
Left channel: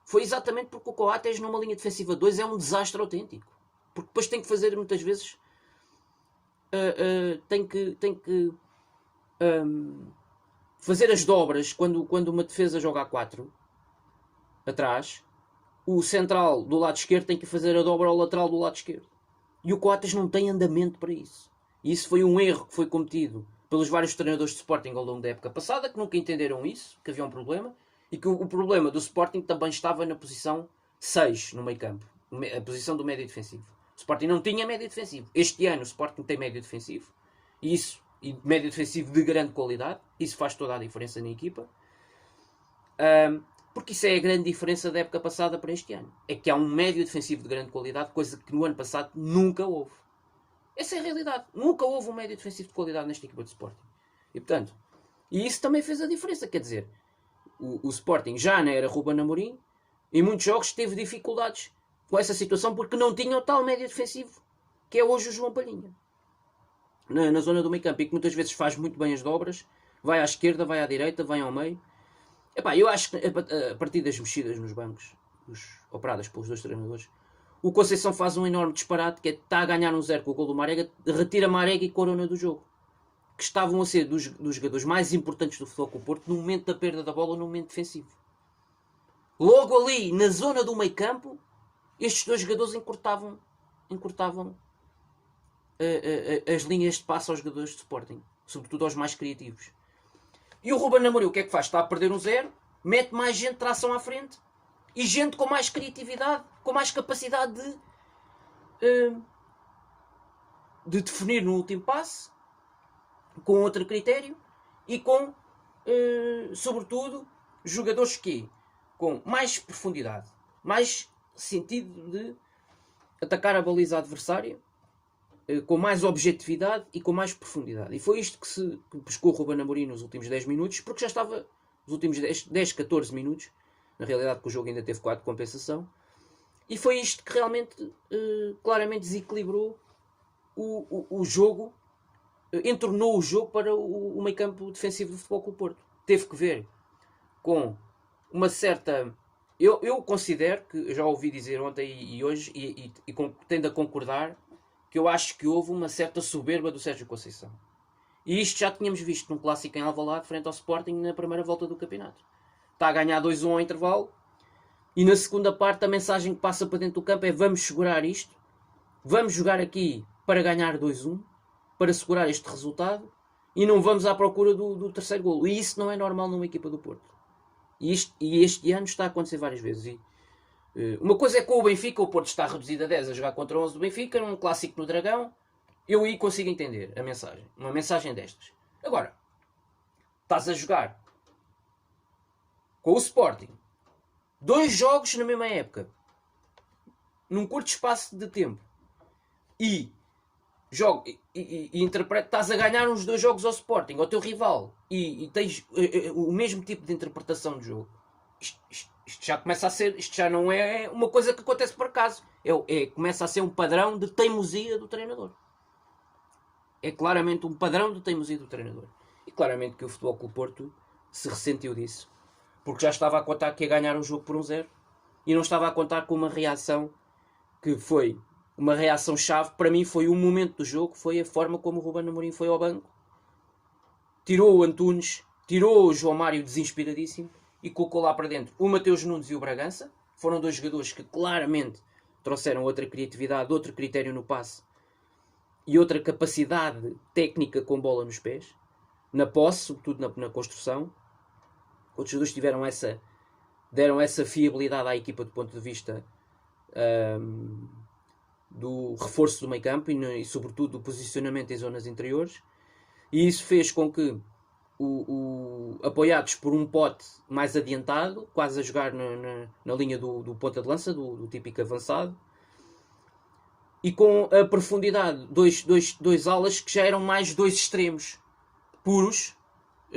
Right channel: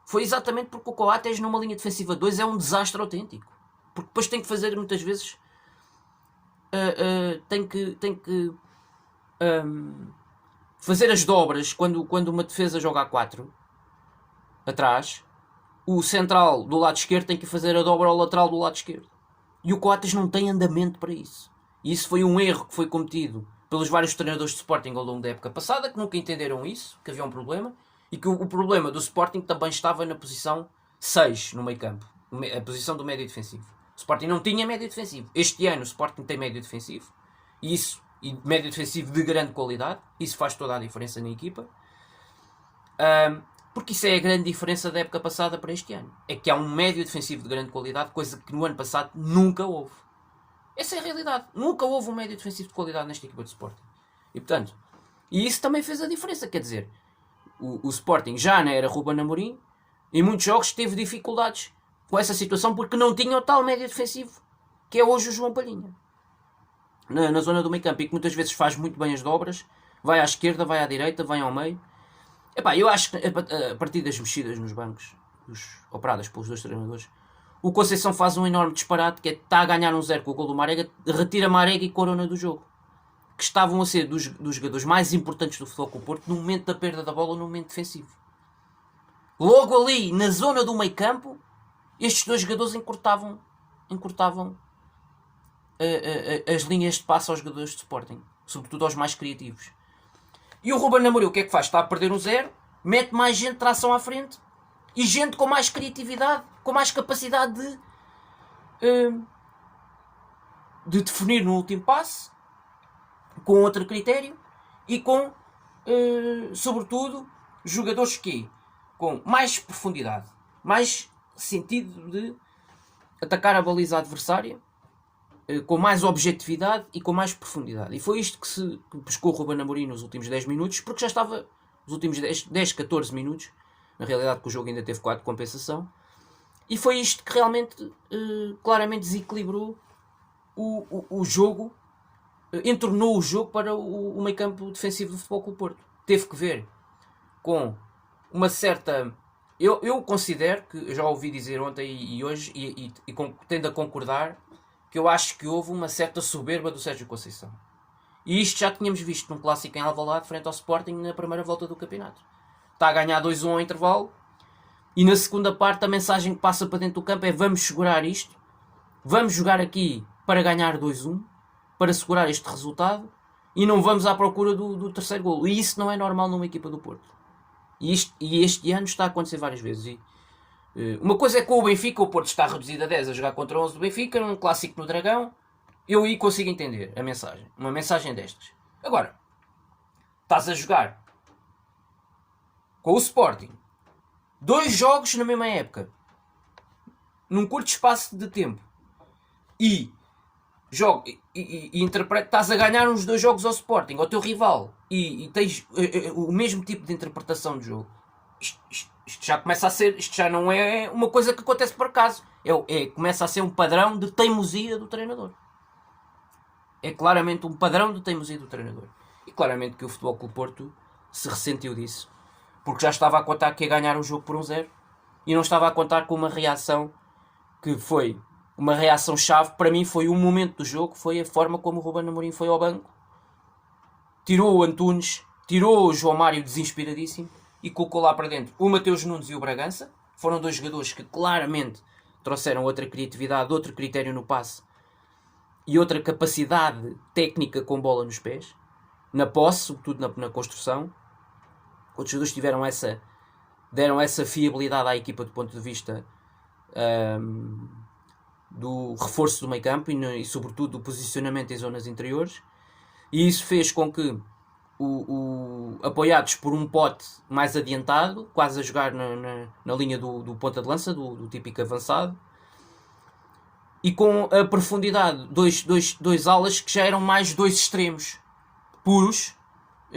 Foi exatamente porque o Coates numa linha defensiva de 2 é um desastre autêntico. Porque depois tem que fazer muitas vezes... tem que fazer as dobras quando uma defesa joga a 4 atrás. O central do lado esquerdo tem que fazer a dobra ao lateral do lado esquerdo. E o Coates não tem andamento para isso. E isso foi um erro que foi cometido pelos vários treinadores de Sporting ao longo da época passada, que nunca entenderam isso, que havia um problema, e que o problema do Sporting também estava na posição 6 no meio campo, a posição do médio defensivo. O Sporting não tinha médio defensivo. Este ano o Sporting tem médio defensivo, e médio defensivo de grande qualidade. Isso faz toda a diferença na equipa. Porque isso é a grande diferença da época passada para este ano. É que há um médio defensivo de grande qualidade, coisa que no ano passado nunca houve. Essa é a realidade. Nunca houve um médio defensivo de qualidade nesta equipa de Sporting. E portanto, isso também fez a diferença. Quer dizer, o Sporting já não era Ruben Amorim, em muitos jogos teve dificuldades com essa situação porque não tinha o tal médio defensivo que é hoje o João Palhinha na zona do meio campo, e que muitas vezes faz muito bem as dobras, vai à esquerda, vai à direita, vai ao meio. Epá, eu acho que a partir das mexidas nos bancos operadas pelos dois treinadores, o Conceição faz um enorme disparate, que é está a ganhar 1-0 com o gol do Marega, retira Marega e Corona do jogo, que estavam a ser dos jogadores mais importantes do Futebol Clube do Porto no momento da perda da bola, no momento defensivo. Logo ali, na zona do meio campo, estes dois jogadores encurtavam as linhas de passe aos jogadores de Sporting, sobretudo aos mais criativos. E o Ruben Amorim o que é que faz? Está a perder 1-0, mete mais gente de tração à frente e gente com mais criatividade, com mais capacidade de definir no último passe, com outro critério e com, sobretudo, jogadores com mais profundidade, mais sentido de atacar a baliza adversária, com mais objetividade e com mais profundidade. E foi isto que pescou o Ruben Amorim nos últimos 10 minutos, porque já estava nos últimos 10, 14 minutos, na realidade que o jogo ainda teve 4 de compensação, e foi isto que realmente claramente desequilibrou o jogo, entornou o jogo para o meio campo defensivo do Futebol Clube do Porto. Teve que ver com uma certa... Eu considero que, eu já ouvi dizer ontem e hoje, e tendo a concordar, que eu acho que houve uma certa soberba do Sérgio Conceição. E isto já tínhamos visto num clássico em Alvalade, frente ao Sporting, na primeira volta do campeonato. Está a ganhar 2-1 ao intervalo, e na segunda parte a mensagem que passa para dentro do campo é: vamos segurar isto, vamos jogar aqui para ganhar 2-1, para segurar este resultado, e não vamos à procura do terceiro golo. E isso não é normal numa equipa do Porto. E este ano está a acontecer várias vezes. Uma coisa é com o Benfica, o Porto está reduzido a 10 a jogar contra 11 do Benfica, um clássico no Dragão. Eu aí consigo entender a mensagem. Uma mensagem destas. Agora, estás a jogar com o Sporting 2 jogos na mesma época, num curto espaço de tempo, e estás a ganhar uns 2 jogos ao Sporting, ao teu rival, e tens o mesmo tipo de interpretação de jogo. Isto já começa a ser, isto já não é uma coisa que acontece por acaso, começa a ser um padrão de teimosia do treinador. É claramente um padrão de teimosia do treinador. E claramente que o Futebol Clube Porto se ressentiu disso, porque já estava a contar que ia ganhar o jogo por 1-0 e não estava a contar com uma reação que foi uma reação-chave. Para mim foi um momento do jogo, foi a forma como o Ruben Amorim foi ao banco, tirou o Antunes, tirou o João Mário desinspiradíssimo e colocou lá para dentro o Mateus Nunes e o Bragança. Foram 2 jogadores que claramente trouxeram outra criatividade, outro critério no passe e outra capacidade técnica com bola nos pés, na posse, sobretudo na construção. Outros jogadores deram essa fiabilidade à equipa do ponto de vista do reforço do meio campo e sobretudo do posicionamento em zonas interiores, e isso fez com que apoiados por um Pote mais adiantado, quase a jogar na linha do ponta de lança, do típico avançado, e com a profundidade, dois alas que já eram mais 2 extremos puros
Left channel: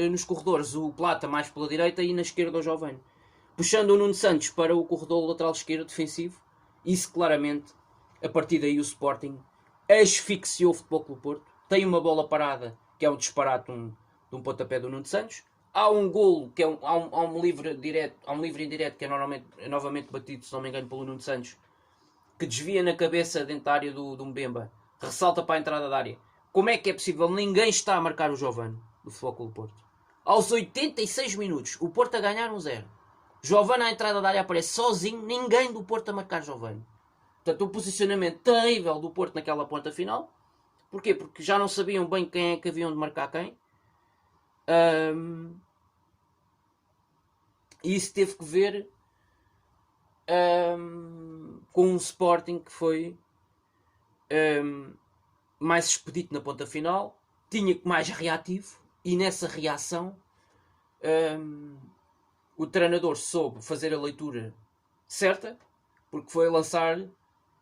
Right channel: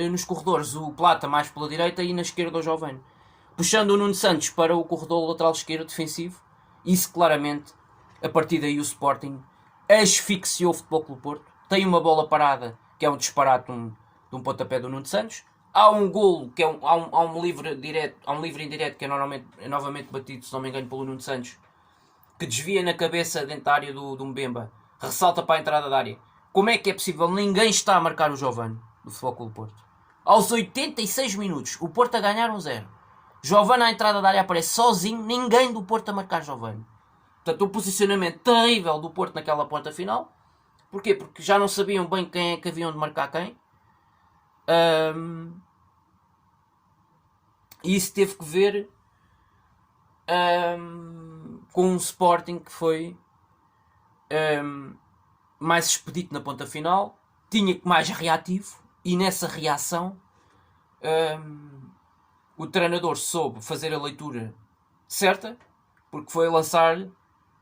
nos corredores, o Plata mais pela direita e na esquerda o Giovane, puxando o Nuno Santos para o corredor lateral esquerdo defensivo. Isso claramente, a partir daí o Sporting asfixiou o Futebol Clube Porto. Tem uma bola parada que é um disparate de um pontapé do Nuno Santos. Há um golo que há um livre indireto que é novamente batido, se não me engano, pelo Nuno Santos, que desvia na cabeça dentro da área do Mbemba, ressalta para a entrada da área. Como é que é possível? Ninguém está a marcar o Giovane do Futebol Clube Porto. Aos 86 minutos, o Porto a ganhar 1-0. Giovane à entrada da área aparece sozinho, ninguém do Porto a marcar Giovane. Portanto, um posicionamento terrível do Porto naquela ponta final. Porquê? Porque já não sabiam bem quem é que haviam de marcar quem. E isso teve que ver com um Sporting que foi mais expedito na ponta final, tinha mais reativo, e nessa reação o treinador soube fazer a leitura certa, porque foi lançar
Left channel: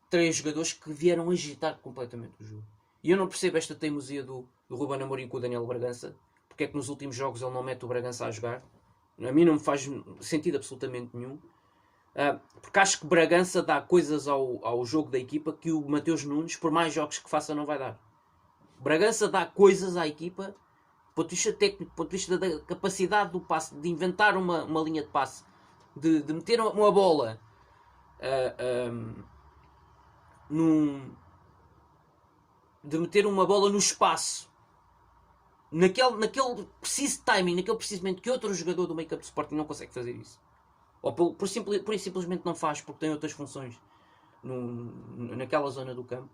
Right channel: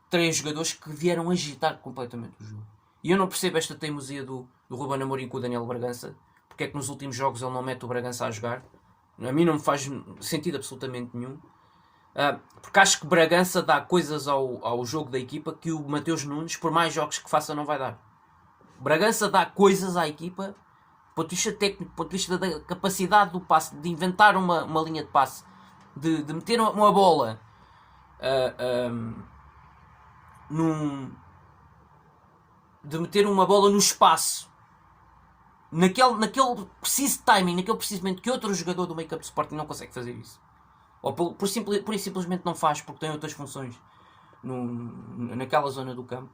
3 jogadores que vieram agitar completamente o jogo. E eu não percebo esta teimosia do Ruben Amorim com o Daniel Bragança. Porque é que nos últimos jogos ele não mete o Bragança a jogar? A mim não me faz sentido absolutamente nenhum. Porque acho que Bragança dá coisas ao jogo da equipa que o Mateus Nunes, por mais jogos que faça, não vai dar. Bragança dá coisas à equipa, do ponto de vista técnico, do ponto de vista da capacidade do passe, de inventar uma linha de passe, de meter uma bola de meter uma bola no espaço, naquele preciso timing, naquele preciso momento que outro jogador do make-up de Sporting não consegue fazer isso. Ou por simplesmente não faz, porque tem outras funções naquela zona do campo.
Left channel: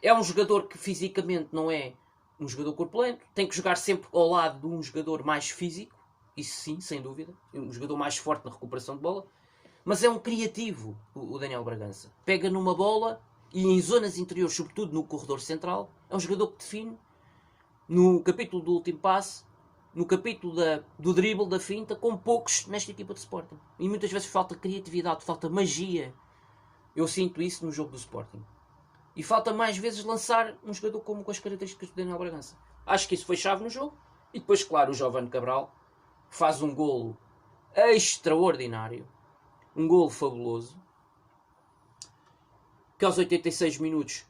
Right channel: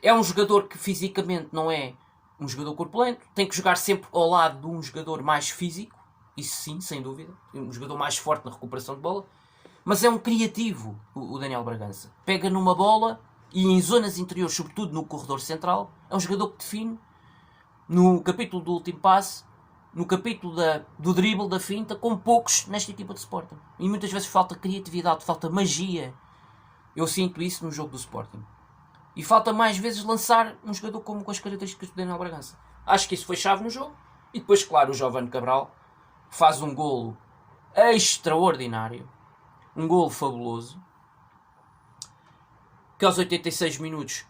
É um jogador que fisicamente não é um jogador corpulento, tem que jogar sempre ao lado de um jogador mais físico, isso sim, sem dúvida, um jogador mais forte na recuperação de bola, mas é um criativo, o Daniel Bragança. Pega numa bola e em zonas interiores, sobretudo no corredor central, é um jogador que define no capítulo do último passe, no capítulo do drible, da finta, com poucos nesta equipa de Sporting. E muitas vezes falta criatividade, falta magia. Eu sinto isso no jogo do Sporting. E falta mais vezes lançar um jogador com as características do Daniel Bragança. Acho que isso foi chave no jogo. E depois, claro, o Giovane Cabral faz um golo extraordinário. Um golo fabuloso. Que aos 86 minutos,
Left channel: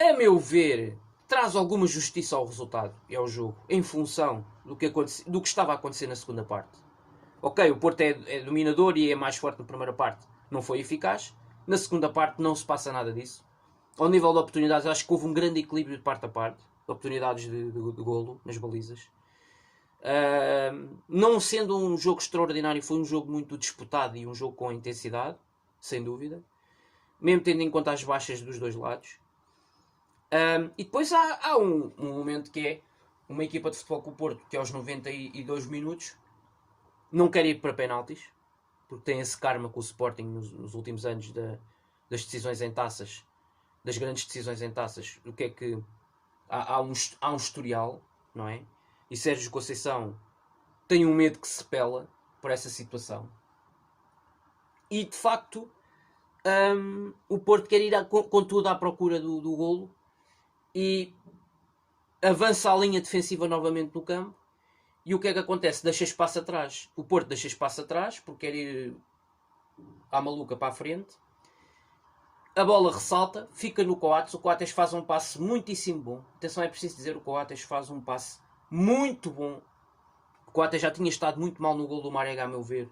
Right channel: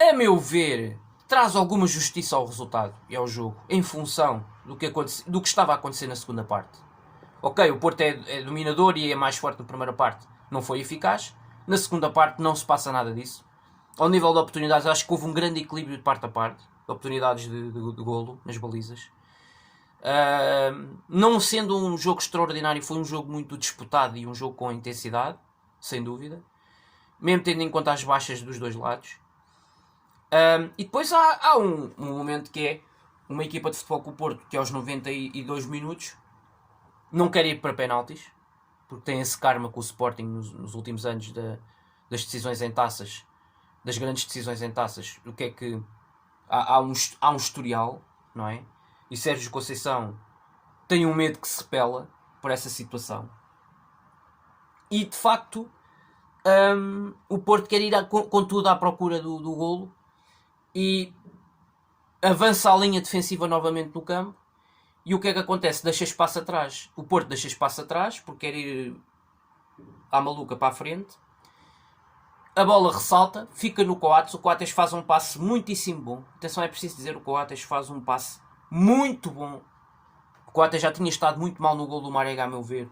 a meu ver, traz alguma justiça ao resultado e ao jogo, em função do que estava a acontecer na segunda parte. Ok, o Porto é dominador e é mais forte na primeira parte, não foi eficaz. Na segunda parte não se passa nada disso. Ao nível de oportunidades, acho que houve um grande equilíbrio de parte a parte, de oportunidades de golo nas balizas. Não sendo um jogo extraordinário, foi um jogo muito disputado e um jogo com intensidade, sem dúvida, mesmo tendo em conta as baixas dos dois lados. E depois há um momento que é uma equipa de futebol com o Porto que aos 92 minutos não quer ir para penaltis, porque tem esse karma com o Sporting nos últimos anos das decisões em taças, das grandes decisões em taças. O que é que há um historial, não é? E Sérgio Conceição tem um medo que se repela por essa situação. E de facto o Porto quer ir com tudo à procura do golo e avança a linha defensiva novamente no campo. E o que é que acontece? Deixa espaço atrás. O Porto deixa espaço atrás porque quer ir à maluca para a frente. A bola ressalta, fica no Coates. O Coates faz um passe muitíssimo bom. Atenção, é preciso dizer, o Coates faz um passe muito bom. O Coates já tinha estado muito mal no gol do Marega, a meu ver.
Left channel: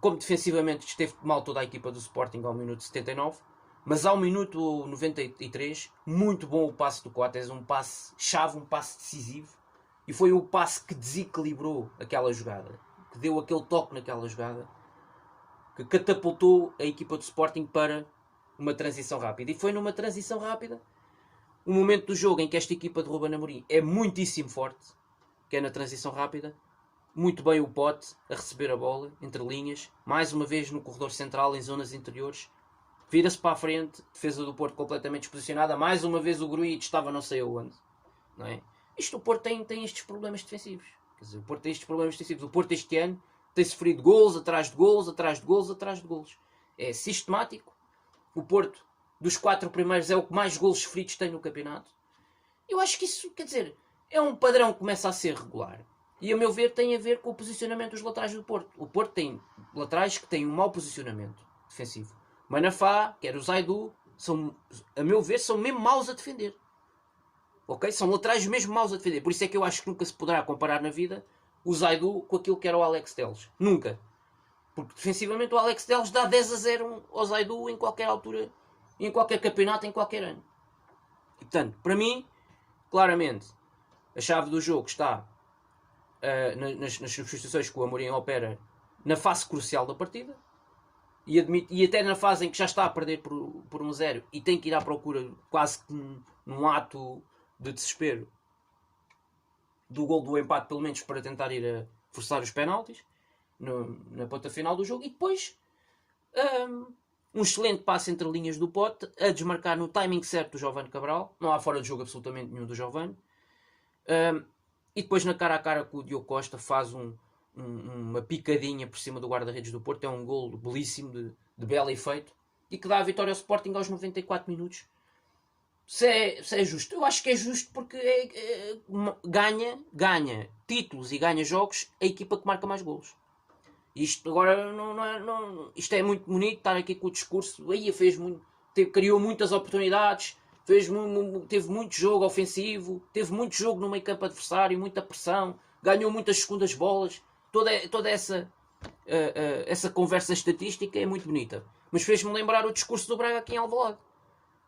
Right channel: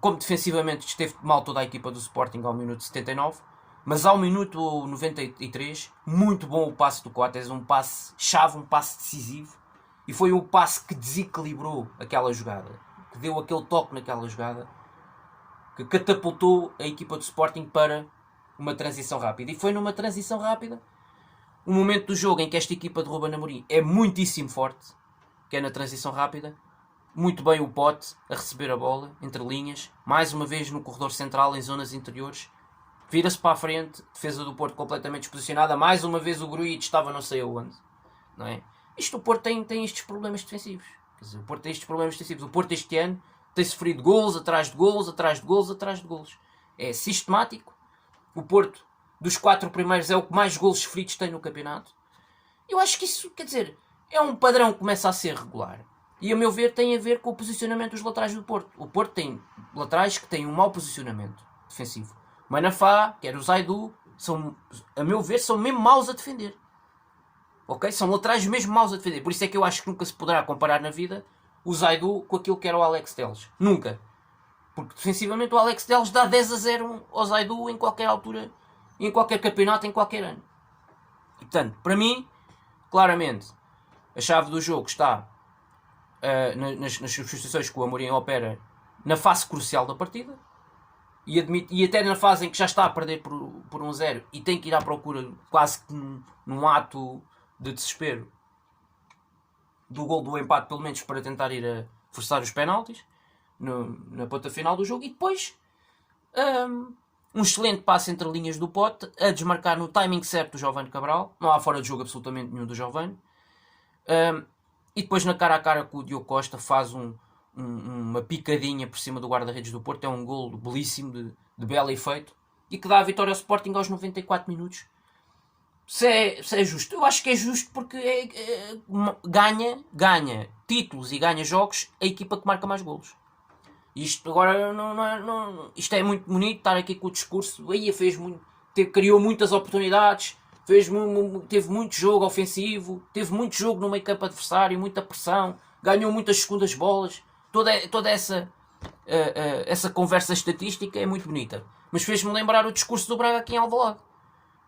Como defensivamente esteve mal toda a equipa do Sporting ao minuto 79. Mas ao minuto 93, muito bom o passe do Coates. Um passe chave, um passe decisivo. E foi o passe que desequilibrou aquela jogada. Que deu aquele toque naquela jogada. Que catapultou a equipa do Sporting para uma transição rápida. E foi numa transição rápida, um momento do jogo em que esta equipa de Ruben Amorim é muitíssimo forte, que é na transição rápida. Muito bem o Pote a receber a bola, entre linhas, mais uma vez no corredor central, em zonas interiores. Vira-se para a frente, defesa do Porto completamente desposicionada. Mais uma vez o Gruitch estava não sei onde. Não é? O Porto tem estes problemas defensivos. Quer dizer, o Porto tem estes problemas defensivos. O Porto este ano tem sofrido golos atrás de golos, atrás de golos, atrás de golos. É sistemático. O Porto, dos 4 primeiros, é o que mais golos sofridos tem no campeonato. Eu acho que isso, quer dizer, é um padrão que começa a ser regular. E a meu ver tem a ver com o posicionamento dos laterais do Porto. O Porto tem laterais que têm um mau posicionamento defensivo. O Manafá, quer o Zaidu, a meu ver, são mesmo maus a defender. Ok? São laterais mesmo maus a defender. Por isso é que eu acho que nunca se poderá comparar na vida o Zaidu com aquilo que era o Alex Telles. Nunca. Porque defensivamente o Alex Telles dá 10-0 ao Zaidu em qualquer altura, em qualquer campeonato, em qualquer ano. E, portanto, para mim, claramente, a chave do jogo está nas substituições que o Amorim opera na fase crucial da partida. E até na fase em que já está a perder por 1-0 e tem que ir à procura, quase que num ato de desespero, do gol do empate, pelo menos para tentar ir a forçar os penaltis na ponta final do jogo. E depois um excelente passe entre linhas do Pote a desmarcar no timing certo do Giovane Cabral. Não há fora de jogo absolutamente nenhum do Giovane. E depois na cara a cara com o Diogo Costa faz uma picadinha por cima do guarda-redes do Porto. É um gol belíssimo, de belo efeito, e que dá a vitória ao Sporting aos 94 minutos. Se é justo, eu acho que é justo, porque ganha títulos e ganha jogos a equipa que marca mais golos. Isto agora isto é muito bonito estar aqui com o discurso. Aí criou muitas oportunidades, teve muito jogo ofensivo, teve muito jogo no meio campo adversário, muita pressão, ganhou muitas segundas bolas. Toda essa conversa estatística é muito bonita, mas fez-me lembrar o discurso do Braga aqui em Alvalade.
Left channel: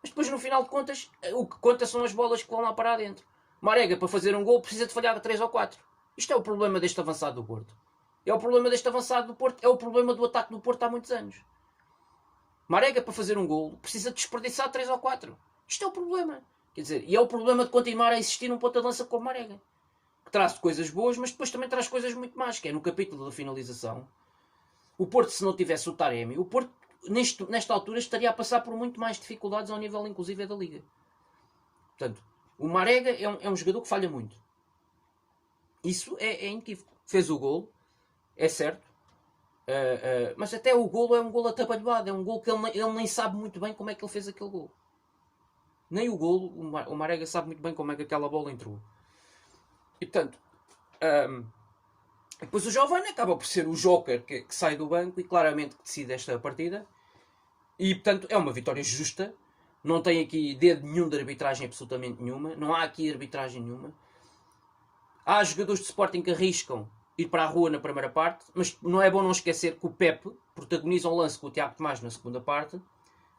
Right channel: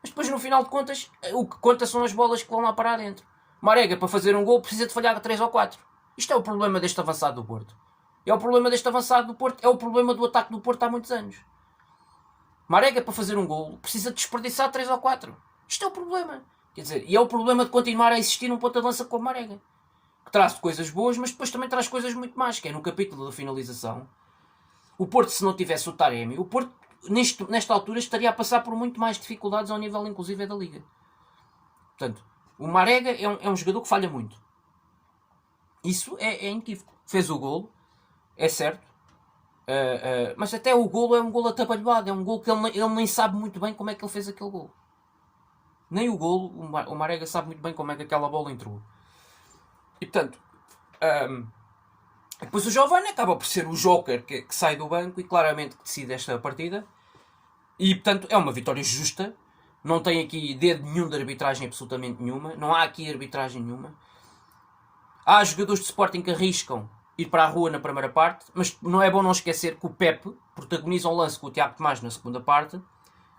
Mas depois, no final de contas, o que conta são as bolas que vão lá parar dentro. Marega, para fazer um gol, precisa de falhar 3 ou 4. Isto é o problema deste avançado do Porto. É o problema deste avançado do Porto. É o problema do ataque do Porto há muitos anos. Marega, para fazer um gol, precisa de desperdiçar 3 ou 4. Isto é o problema. Quer dizer, e é o problema de continuar a existir um ponta de lança como Marega, que traz coisas boas, mas depois também traz coisas muito más, que é no capítulo da finalização. O Porto, se não tivesse o Taremi, o Porto nesta altura estaria a passar por muito mais dificuldades ao nível inclusive da Liga. Portanto, o Marega é um jogador que falha muito. Isso é inequívoco. Fez o golo, é certo, mas até o golo é um golo atabalhoado, é um golo que ele nem sabe muito bem como é que ele fez aquele golo. Nem o golo, o Marega sabe muito bem como é que aquela bola entrou. E portanto, depois o Giovane acaba por ser o joker que sai do banco e claramente que decide esta partida. E portanto é uma vitória justa. Não tem aqui dedo nenhum de arbitragem absolutamente nenhuma. Não há aqui arbitragem nenhuma. Há jogadores de Sporting que arriscam ir para a rua na primeira parte, mas não é bom não esquecer que o Pepe protagoniza um lance com o Tiago Tomás na segunda parte,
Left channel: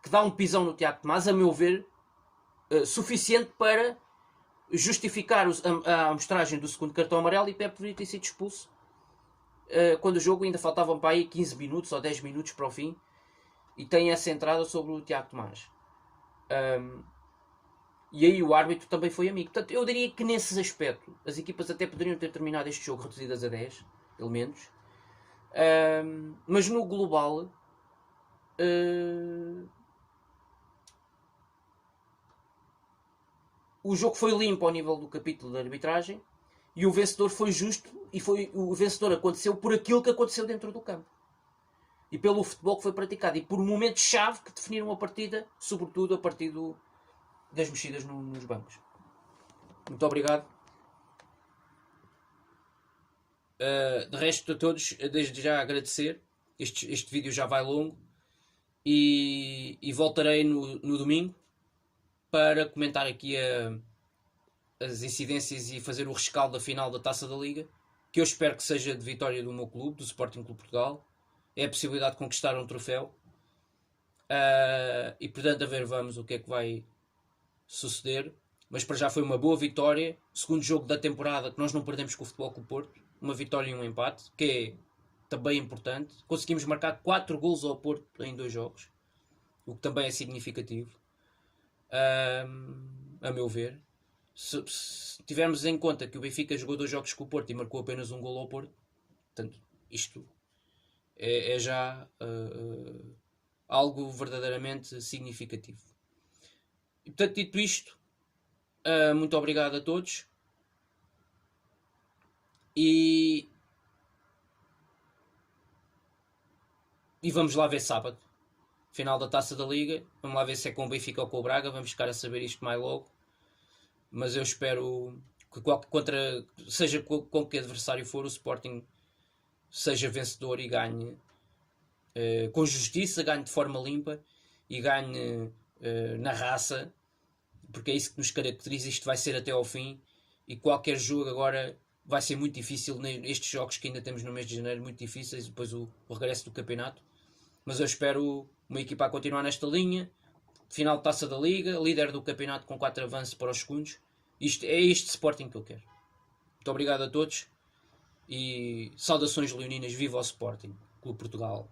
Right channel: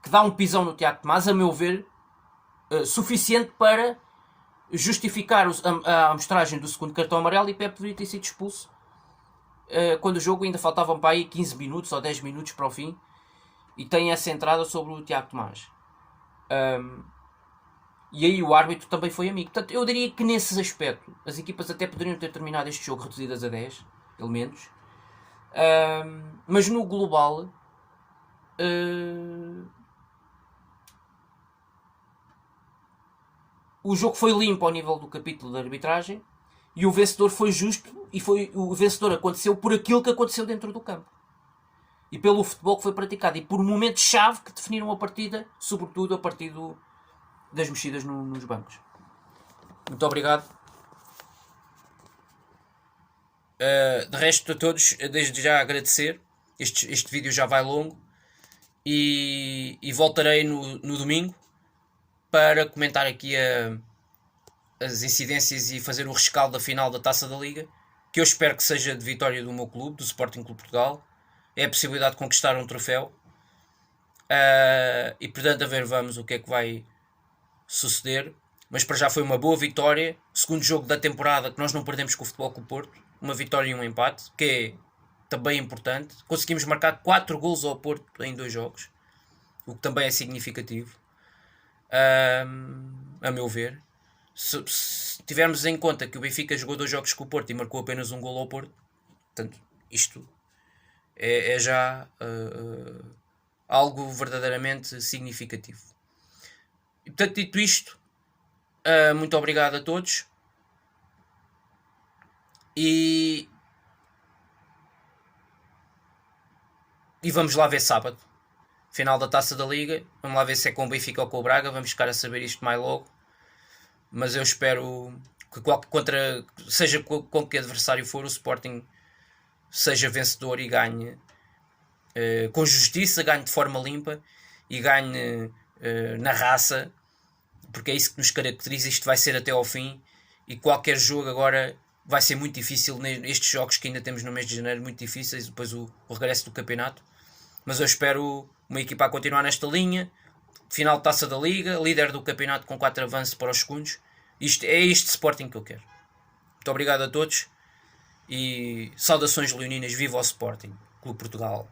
que dá um pisão no Tiago Tomás, a meu ver, suficiente para justificar a amostragem do segundo cartão amarelo, e Pepe deveria ter sido expulso quando o jogo ainda faltavam para aí 15 minutos ou 10 minutos para o fim, e tem essa entrada sobre o Tiago Tomás. E aí o árbitro também foi amigo. Portanto, eu diria que nesse aspecto as equipas até poderiam ter terminado este jogo reduzidas a 10 elementos, mas no global o jogo foi limpo ao nível do capítulo da arbitragem, e o vencedor foi justo, e o vencedor aconteceu por aquilo que aconteceu dentro do campo e pelo futebol que foi praticado e por momentos-chave que definiram a partida, sobretudo a partir das mexidas nos bancos. Muito obrigado. De resto, a todos, desde já agradecer. Este vídeo já vai longo, e voltarei no domingo para comentar aqui as incidências e fazer o rescaldo da final da Taça da Liga, que eu espero que seja de vitória do meu clube, do Sporting Clube Portugal. É a possibilidade de conquistar um troféu, e portanto a ver, vamos o que é que vai suceder. Mas para já foi uma boa vitória, segundo jogo da temporada que nós não perdemos com o Futebol Clube Porto, uma vitória e um empate, que é também importante. Conseguimos marcar 4 golos ao Porto em 2 jogos, o que também é significativo, a meu ver. Se tivermos em conta que o Benfica jogou 2 jogos com o Porto e marcou apenas um golo ao Porto, portanto, isto é já algo verdadeiramente significativo. E portanto, dito isto, muito obrigado a todos, e vamos lá ver sábado, final da Taça da Liga. Vamos lá ver se é com o Benfica ou com o Braga, vamos ficar a saber isto mais logo, mas eu espero que seja com que adversário for, o Sporting seja vencedor e ganhe com justiça, ganhe de forma limpa e ganhe na raça, porque é isso que nos caracteriza. Isto vai ser até ao fim, e qualquer jogo agora vai ser muito difícil, estes jogos que ainda temos no mês de janeiro, muito difíceis, depois o regresso do campeonato. Mas eu espero uma equipa a continuar nesta linha, final de Taça da Liga, líder do campeonato com 4 avanços para os segundos. É este Sporting que eu quero. Muito obrigado a todos, e saudações leoninas, viva o Sporting Clube Portugal.